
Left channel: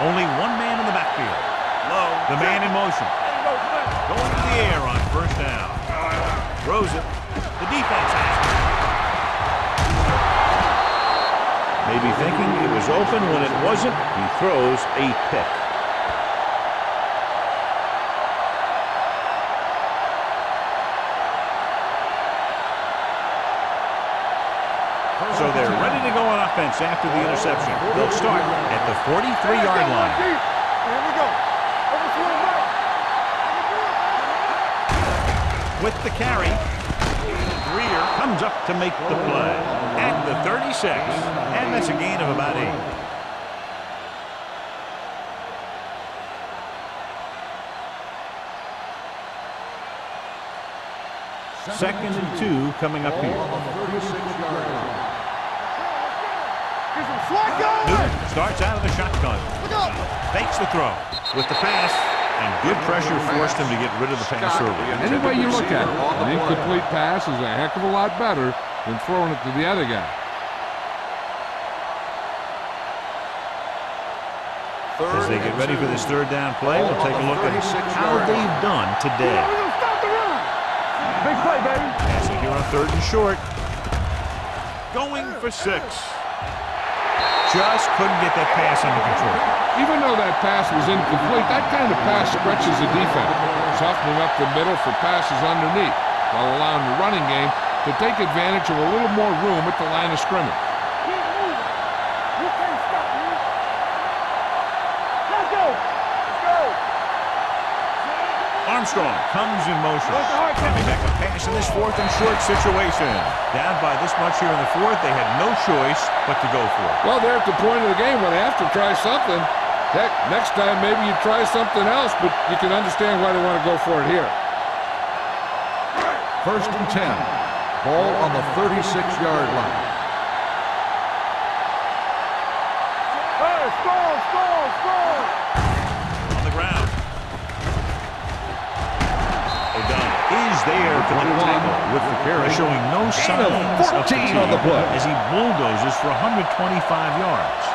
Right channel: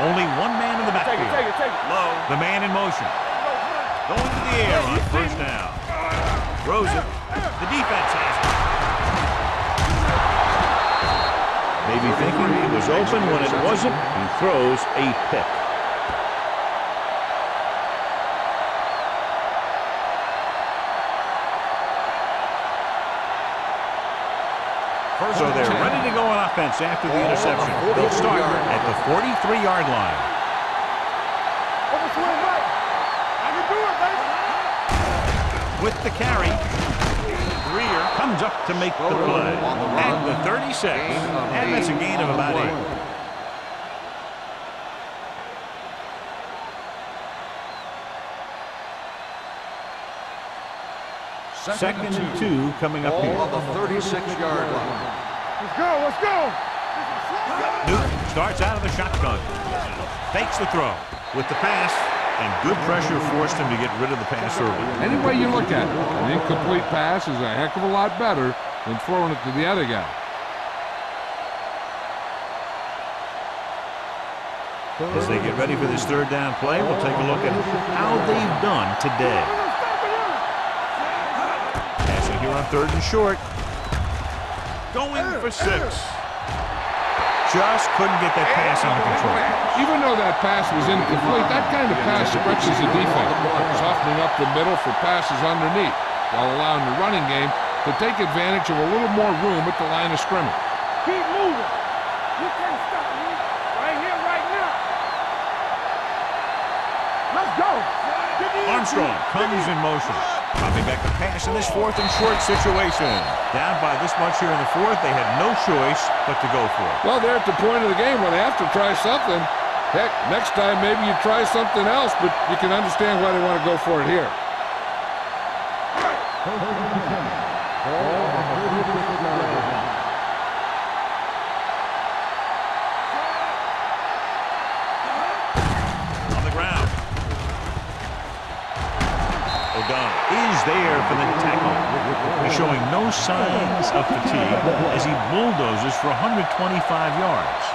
Only one man in the backfield. Low, the man in motion. Going to the air on first down. Throws it. The defense has it. Maybe thinking it was open when it wasn't. He throws a pick. So they're ready to go on offense after the interception. They'll start at the 43-yard line. With the carry, Greer comes up to make the play at the 36, and that's a gain of about 8. Second and 2 coming up here. On the 36-yard line. Newton starts out of the shotgun. Fakes the throw with the pass, and good pressure forced him to get rid of the pass early. Any way you look at it, an incomplete pass is a heck of a lot better than throwing it to the other guy. As they get ready for this third down play, we'll take a look at how they've done today. Passing here on 3rd and short. Going for 6. Just couldn't get that pass under control. Even though that pass was incomplete, that kind of pass stretches the defense, softening up the middle for passes underneath, while allowing the running game to take advantage of a little more room at the line of scrimmage. Keep moving. You can't stop me. Right here, right now. Let's go. Let's go. Armstrong comes in motion. Coming back a pass in this 4th and short situation. Down by this much here in the 4th, they had no choice but to go for it. Well, they're at the point of the game where they have to try something. Heck, next time maybe you try something else, but you can understand why they want to go for it here. First and 10. Ball on the 36-yard line. On the ground. O'Donnell is there for the tackle, with the carry, showing no signs of fatigue as he bulldozes for 125 yards.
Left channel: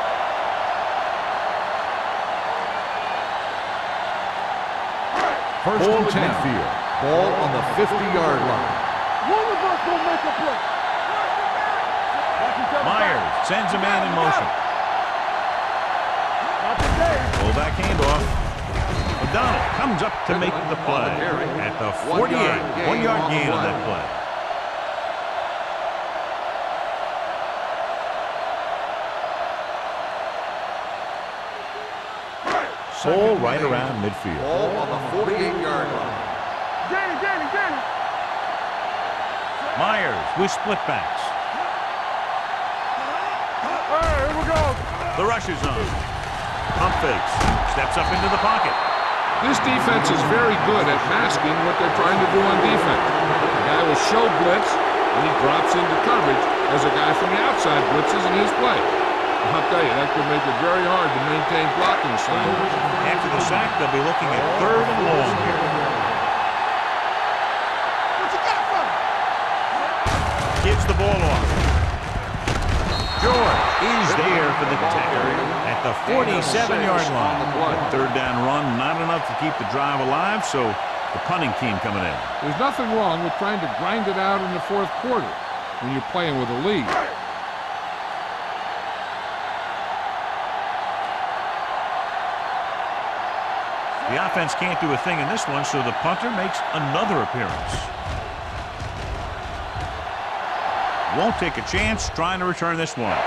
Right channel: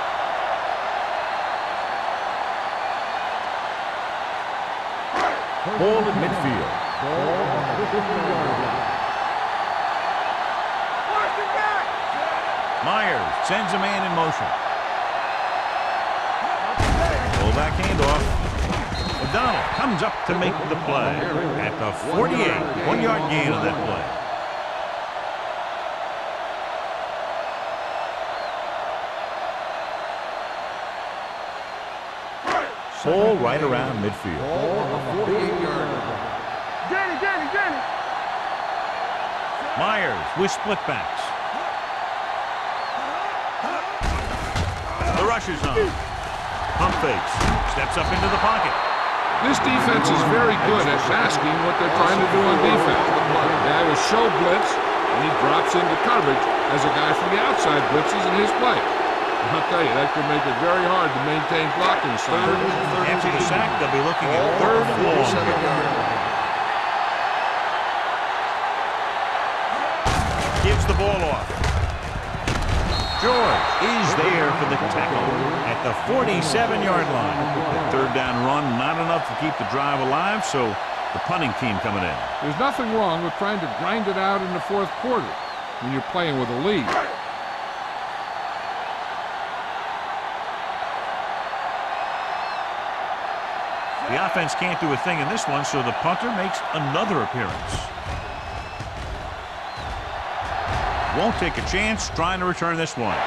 Ball at midfield. Ball on the 50-yard line. Myers sends a man in motion. Fullback handoff. O'Donnell comes up to make the play at the 48. 1-yard gain on that play. Ball right around midfield. Ball on the 48-yard line. Danny. Myers with split backs. The rush is on. Pump fakes. Steps up into the pocket. This defense is very good at masking what they're trying to do on defense. The guy will show blitz, and he drops into coverage as a guy from the outside blitzes in his play. I'll tell you, that could make it very hard to maintain blocking assignments. After the sack, they'll be looking at 3rd and long here. gives the ball off. George is there for the tackle at the 47-yard line. The third down run, not enough to keep the drive alive, so the punting team coming in. There's nothing wrong with trying to grind it out in the fourth quarter when you're playing with a lead. The offense can't do a thing in this one, so the punter makes another appearance. Won't take a chance trying to return this one.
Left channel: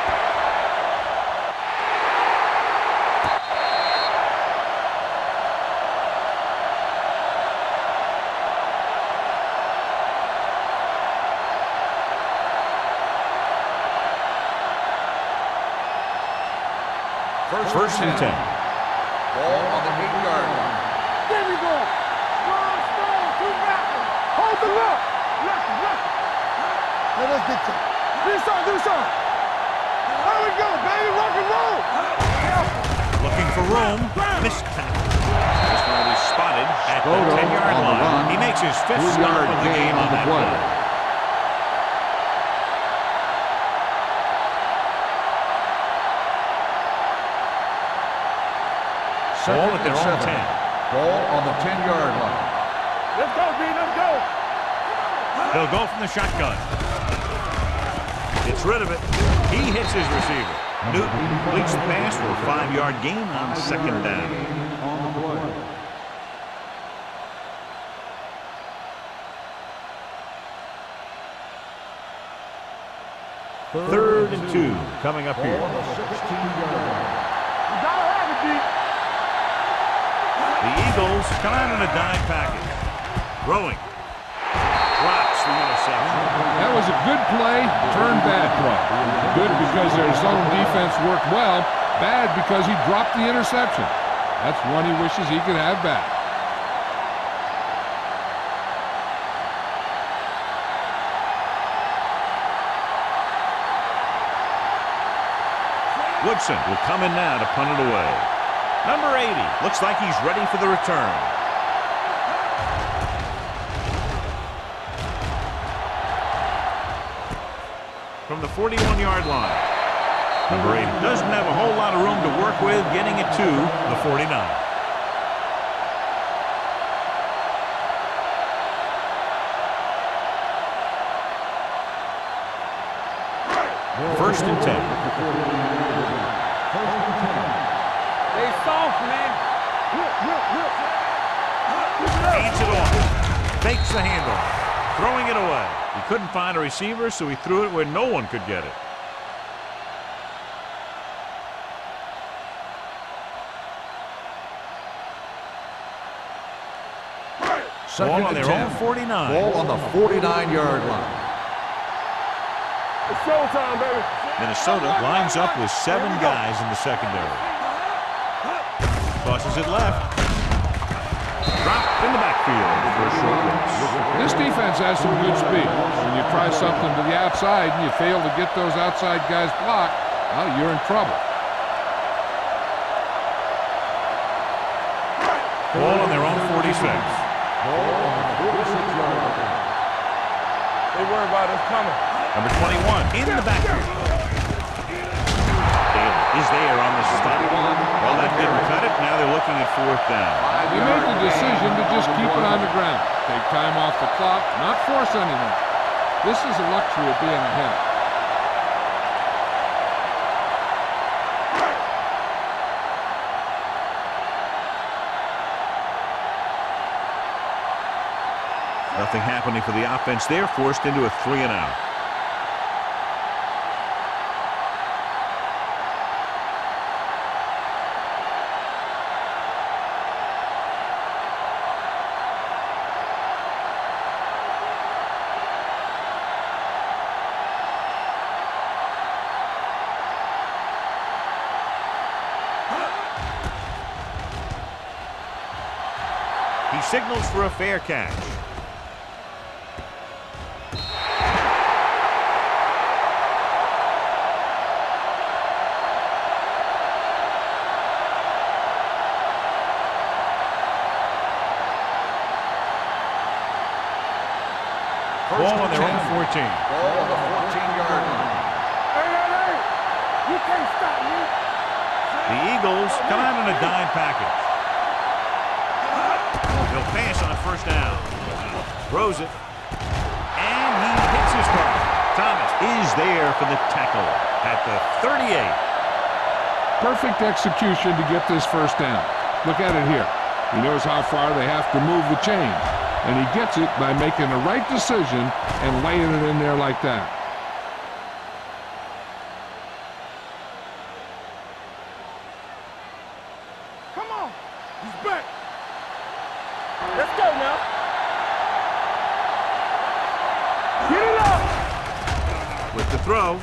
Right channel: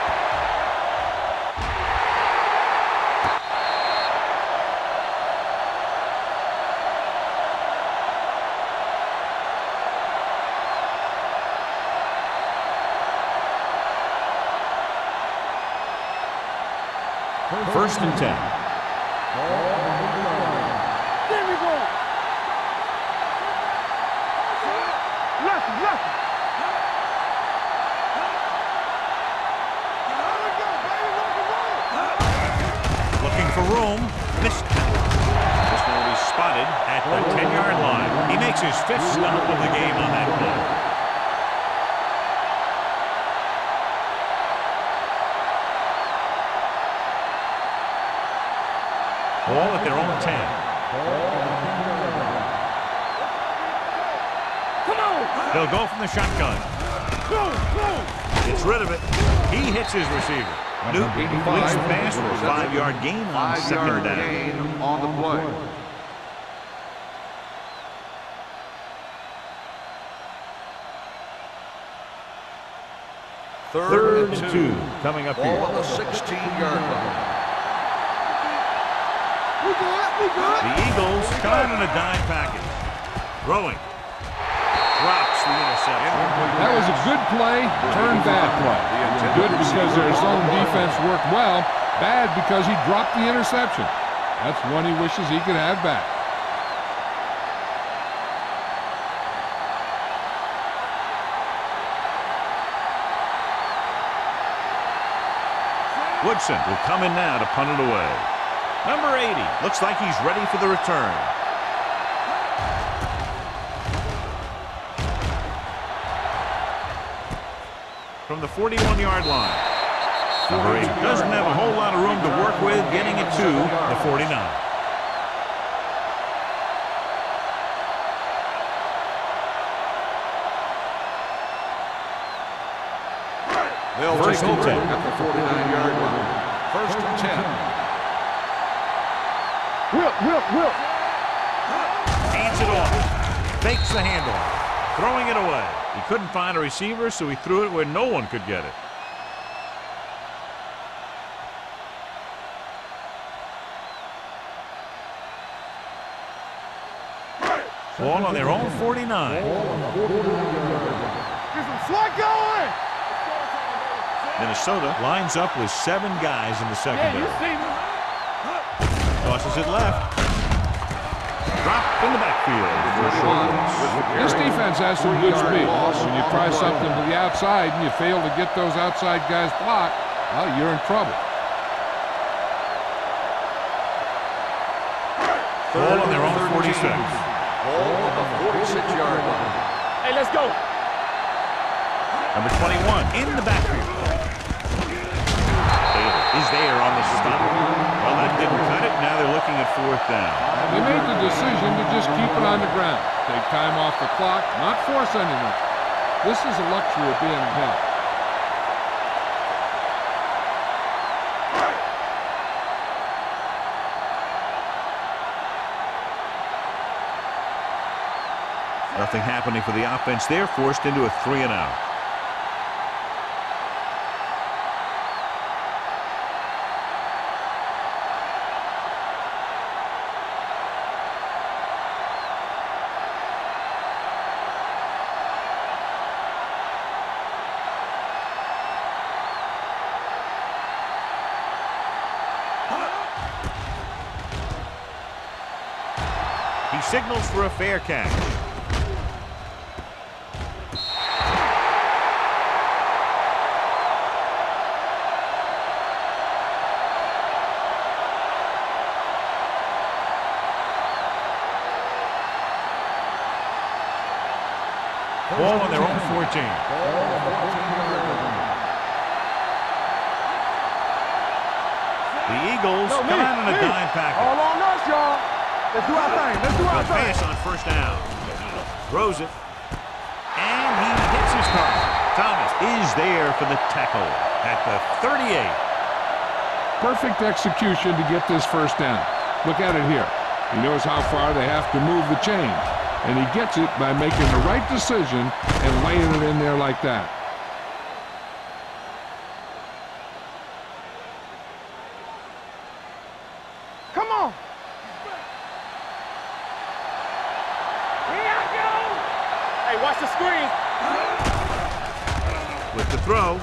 First and 10. Ball on the 8-yard line. There we go. Strong, two backers. Hold them up. Left. Let's get you. Do something. There we go, baby. Rock and roll. Looking for room. Missed tackle. This one will be spotted at the 10-yard line. He makes his 5th stop of the game on that play. Ball at their own 10. Ball on the 10-yard line. Let's go, B. Let's go. Come on. They'll go from the shotgun. Gets rid of it. He hits his receiver. Newton completes the pass for a 5-yard gain on second down. On the play. Third and 2 coming up here. Ball on the 16-yard line. The Eagles come out in a dime package. Throwing. Drops the interception. That was a good play, turned bad play. Good because their zone defense worked well. Bad because he dropped the interception. That's one he wishes he could have back. Woodson will come in now to punt it away. Number 80 looks like he's ready for the return. From the 41-yard line. Number 80 doesn't have a whole lot of room to work with, getting it to the 49. First and 10. First and 10. Will. Hands it off. Fakes the handoff. Throwing it away. He couldn't find a receiver, so he threw it where no one could get it. Ball on their own 49. Ball on the 49-yard line. Get some slack going. It's showtime, baby. Minnesota lines up with 7 guys in the secondary. Tosses it left. Dropped in the backfield for a short loss. This defense has some good speed. When you try something to the outside and you fail to get those outside guys blocked, well, you're in trouble. Ball on their own 46. Hey, let's go. They worry about us coming. Number 21 in the backfield. Taylor is there on the stop. Well, that didn't cut it. Now they're looking at 4th down. They made the decision to just keep it on the ground. Take time off the clock, not force anything. This is a luxury of being ahead. Nothing happening for the offense there. Forced into a 3-and-out. He signals for a fair catch. Ball on their own 14. Ball on the 14-yard line. The Eagles come out in a dime package. They'll pass on first down. Throws it. And he hits his target. Thomas is there for the tackle at the 38. Perfect execution to get this first down. Look at it here. He knows how far they have to move the chain. And he gets it by making the right decision and laying it in there like that. Come on. Let's go now. Hey, watch the screen. Get it up. With the throw.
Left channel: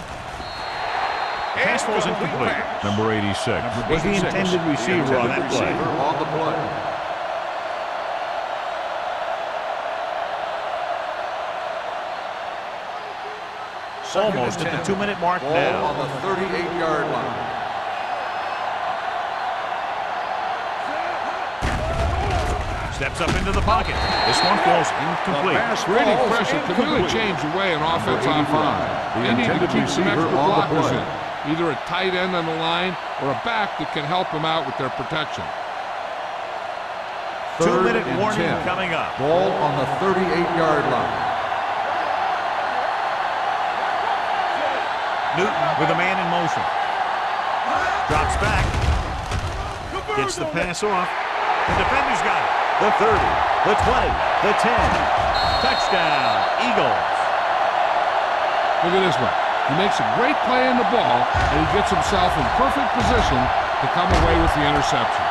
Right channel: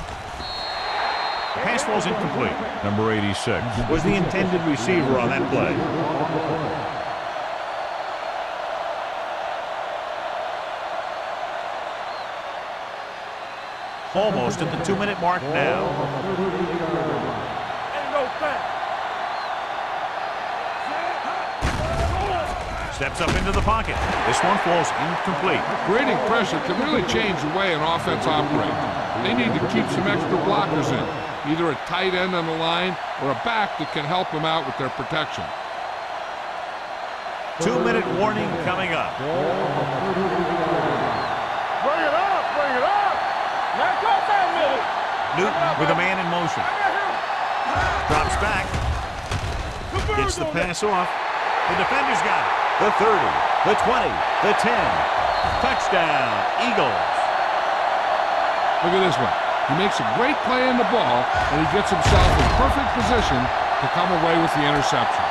Pass falls incomplete. Number 86 was the intended receiver on that play. On the play. Almost at the 2-minute mark Ball now. on the 38-yard line. Steps up into the pocket. This one falls incomplete. Creating pressure can really change the way an offense operates. They need to keep some extra blockers in. Either a tight end on the line or a back that can help them out with their protection. 2-minute warning coming up. Ball on the 38-yard line. Newton with a man in motion. Drops back. Gets the pass off. The defender's got it. The 30, the 20, the 10. Touchdown, Eagles. Look at this one. He makes a great play in the ball, and he gets himself in perfect position to come away with the interception.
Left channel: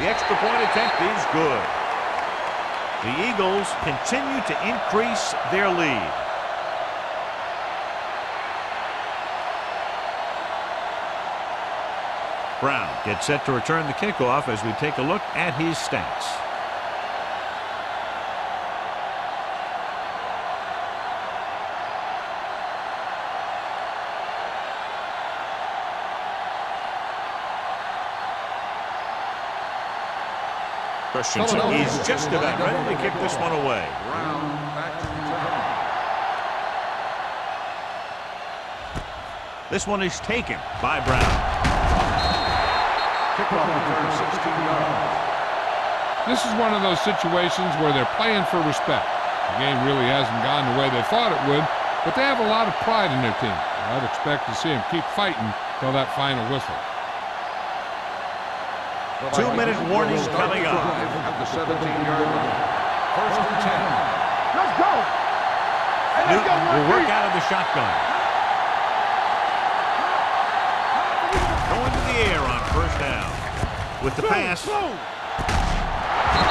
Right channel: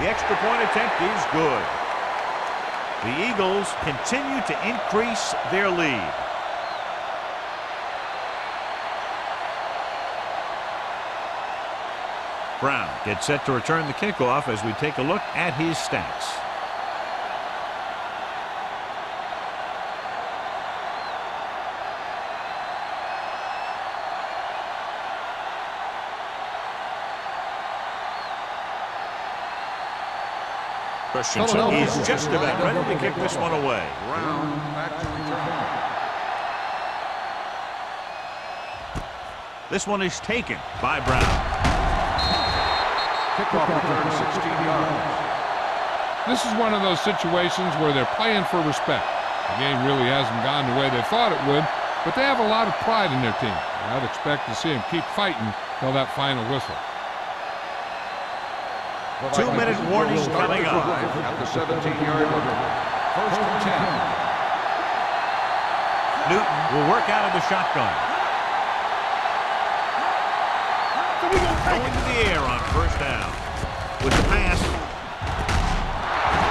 The extra point attempt is good. The Eagles continue to increase their lead. Brown gets set to return the kickoff as we take a look at his stats. Christensen is just about ready to kick this one away. Brown back to return. This one is taken by Brown. Kickoff return 16 yards. This is one of those situations where they're playing for respect. The game really hasn't gone the way they thought it would, but they have a lot of pride in their team. I'd expect to see them keep fighting till that final whistle. 2-minute warning coming up. At the 17-yard line. First and 10. Newton will work out of the shotgun. Going to the air on first down. With the pass.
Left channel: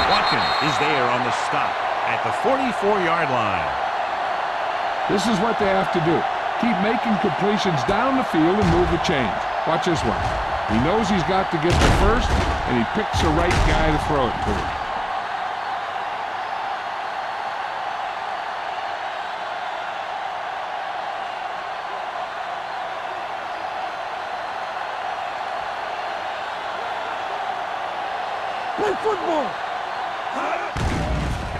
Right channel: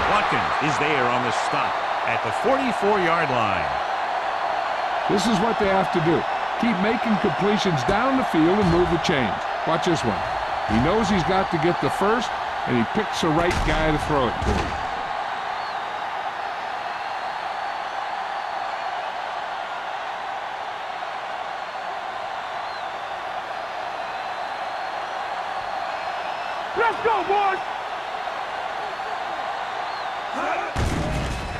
Watkins is there on the stop at the 44-yard line. This is what they have to do. Keep making completions down the field and move the chains. Watch this one. He knows he's got to get the first, and he picks the right guy to throw it to. Let's go, boys. Play football.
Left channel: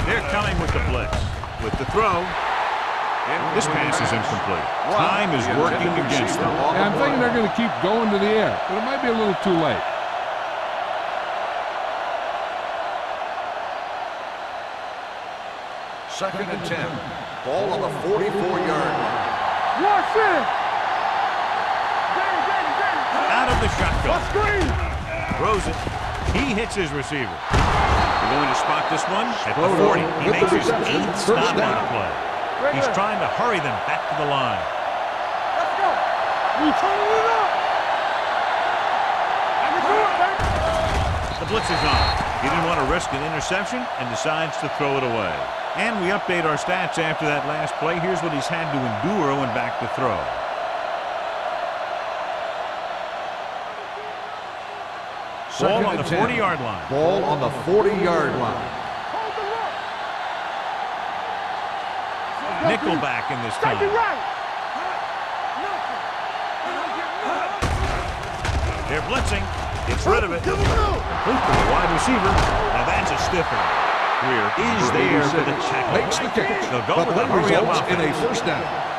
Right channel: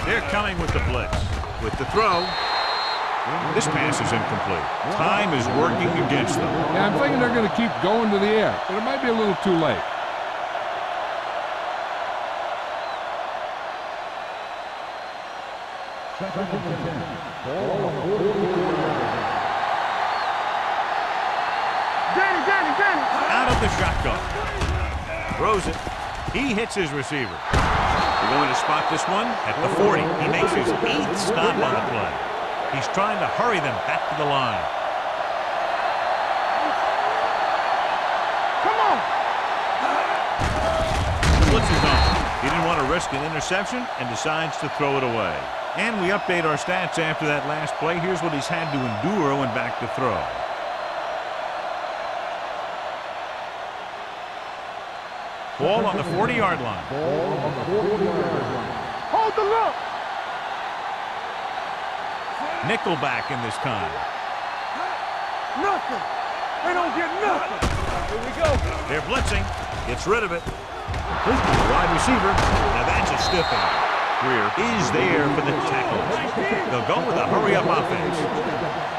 They're coming with the blitz. With the throw. This pass is incomplete. Time is working against them. Yeah, I'm thinking they're going to keep going to the air, but it might be a little too late. Second and 10. Ball on the 44-yard line. Watch it. Danny. Out of the shotgun. Throws it. He hits his receiver. They're going to spot this one at the 40. He makes his 8th stop on the play. He's trying to hurry them back to the line. Let's go. We turn it up. Come on. The blitz is on. He didn't want to risk an interception and decides to throw it away. And we update our stats after that last play. Here's what he's had to endure when back to throw. Ball on the 40-yard line. Ball on the 40-yard line. Hold the look. Nickelback in this Take it time. right. Nothing. They don't get nothing. They're blitzing. Gets rid of it. Complete to the wide receiver. Now that's a stiff one. Greer is there for the tackle. They'll go with a hurry-up offense. First down.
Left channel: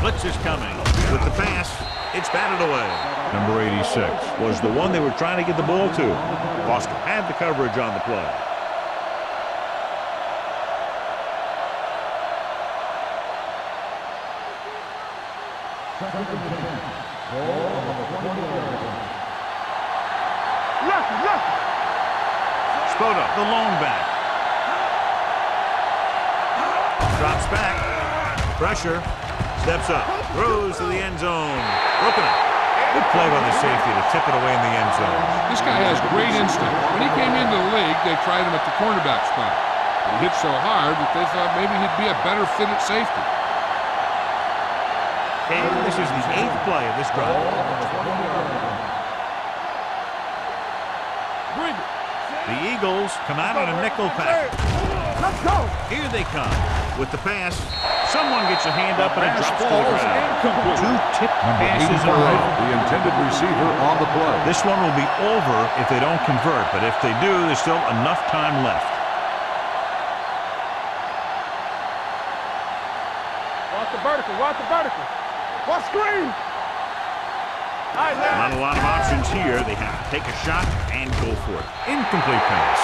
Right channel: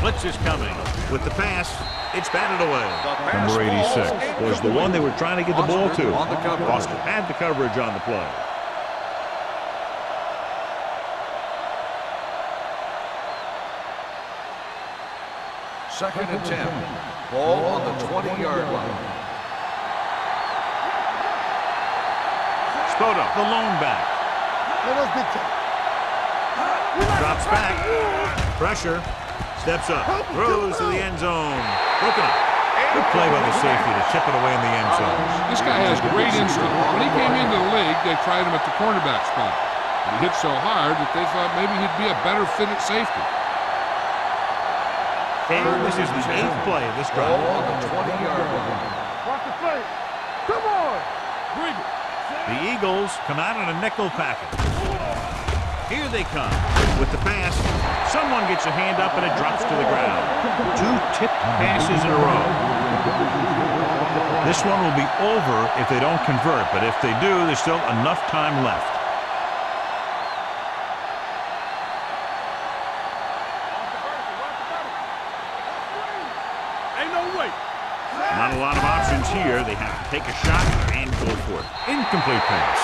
Blitz is coming. With the pass, it's batted away. Number 86 was the one they were trying to get the ball to. Foster had the coverage on the play. Second and 10. Ball on the 20-yard line. Spoto, the lone back. Drops back. Pressure. Steps up. Throws to the end zone. Broken up. Good play by the safety to tip it away in the end zone. This guy has great instinct. When he came into the league, they tried him at the cornerback spot. But he hit so hard that they thought maybe he'd be a better fit at safety. And this is the 8th play of this drive. Ball on the 20-yard line. Come on. Bring it. The Eagles come out on a nickel package. Let's go. Here they come. With the pass, someone gets a hand up and it drops to the ground. 2 tipped passes in a row. The intended receiver on the play. This one will be over if they don't convert, but if they do, there's still enough time left. Watch the vertical. Watch the vertical. Watch screen. Ain't no way. Not a lot of options here. They have to take a shot and go for it. Incomplete pass.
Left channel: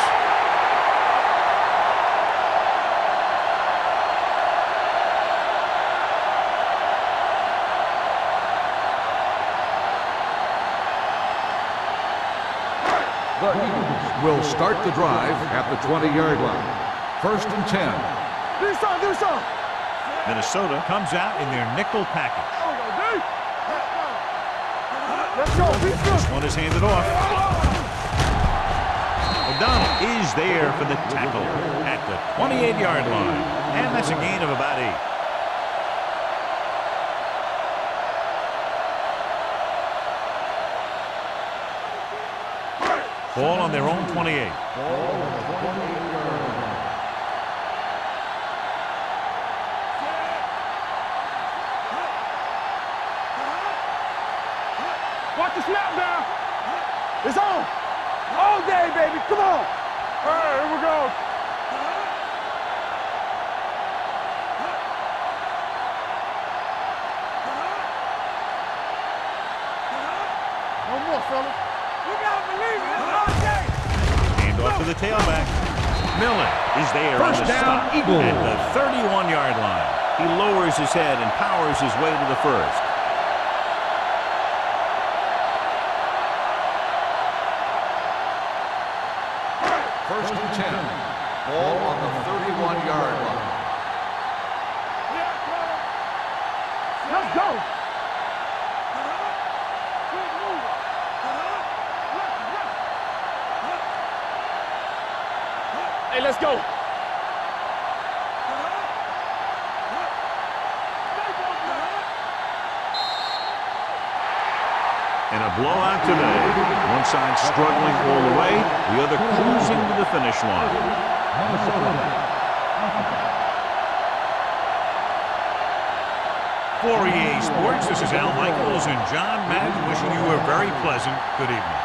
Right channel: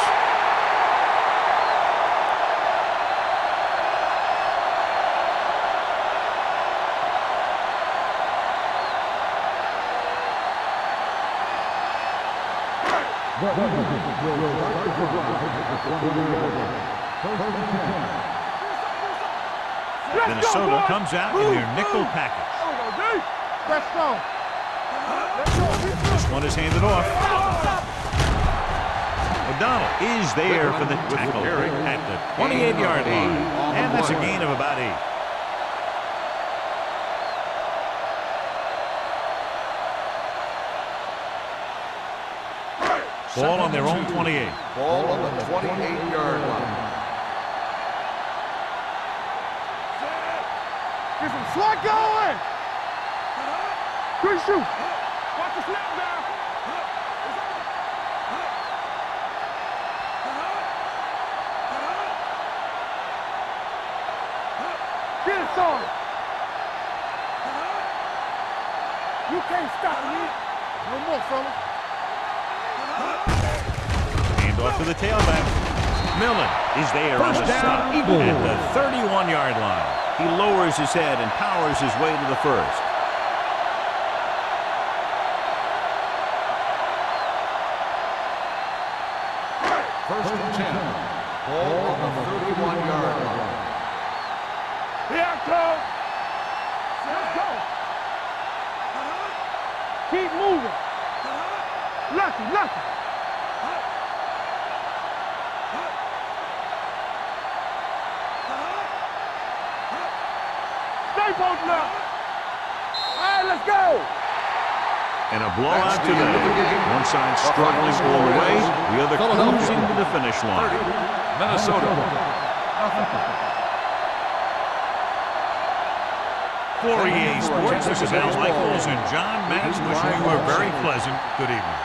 The Eagles will start the drive at the 20-yard line. First and 10. Do something. Minnesota comes out in their nickel package. There we go, D. Let's go. Let's go. This one is handed off. O'Donnell is there for the tackle at the 28-yard line. And that's a gain of about 8. Ball on their own 28. Ball on the 28-yard line. Get some slack going. Quick shoot. Watch the snap down. It's on. All day, baby. Come on. Here we go. Get it started. You can't stop me. No more, fellas. Hand off to the tailback. Millen is there on the stop at the 31-yard line. He lowers his head and powers his way to the first. First and 10. Ball on the 31-yard line. Here I come. Let's go. Keep moving. Lucky. Hey, let's go. Stay posted up. All right, let's go. And a blowout today. One side struggling all the way, the other cruising to the finish line. Minnesota. For EA Sports, this is Al Michaels and John Madden wishing you a very pleasant good evening.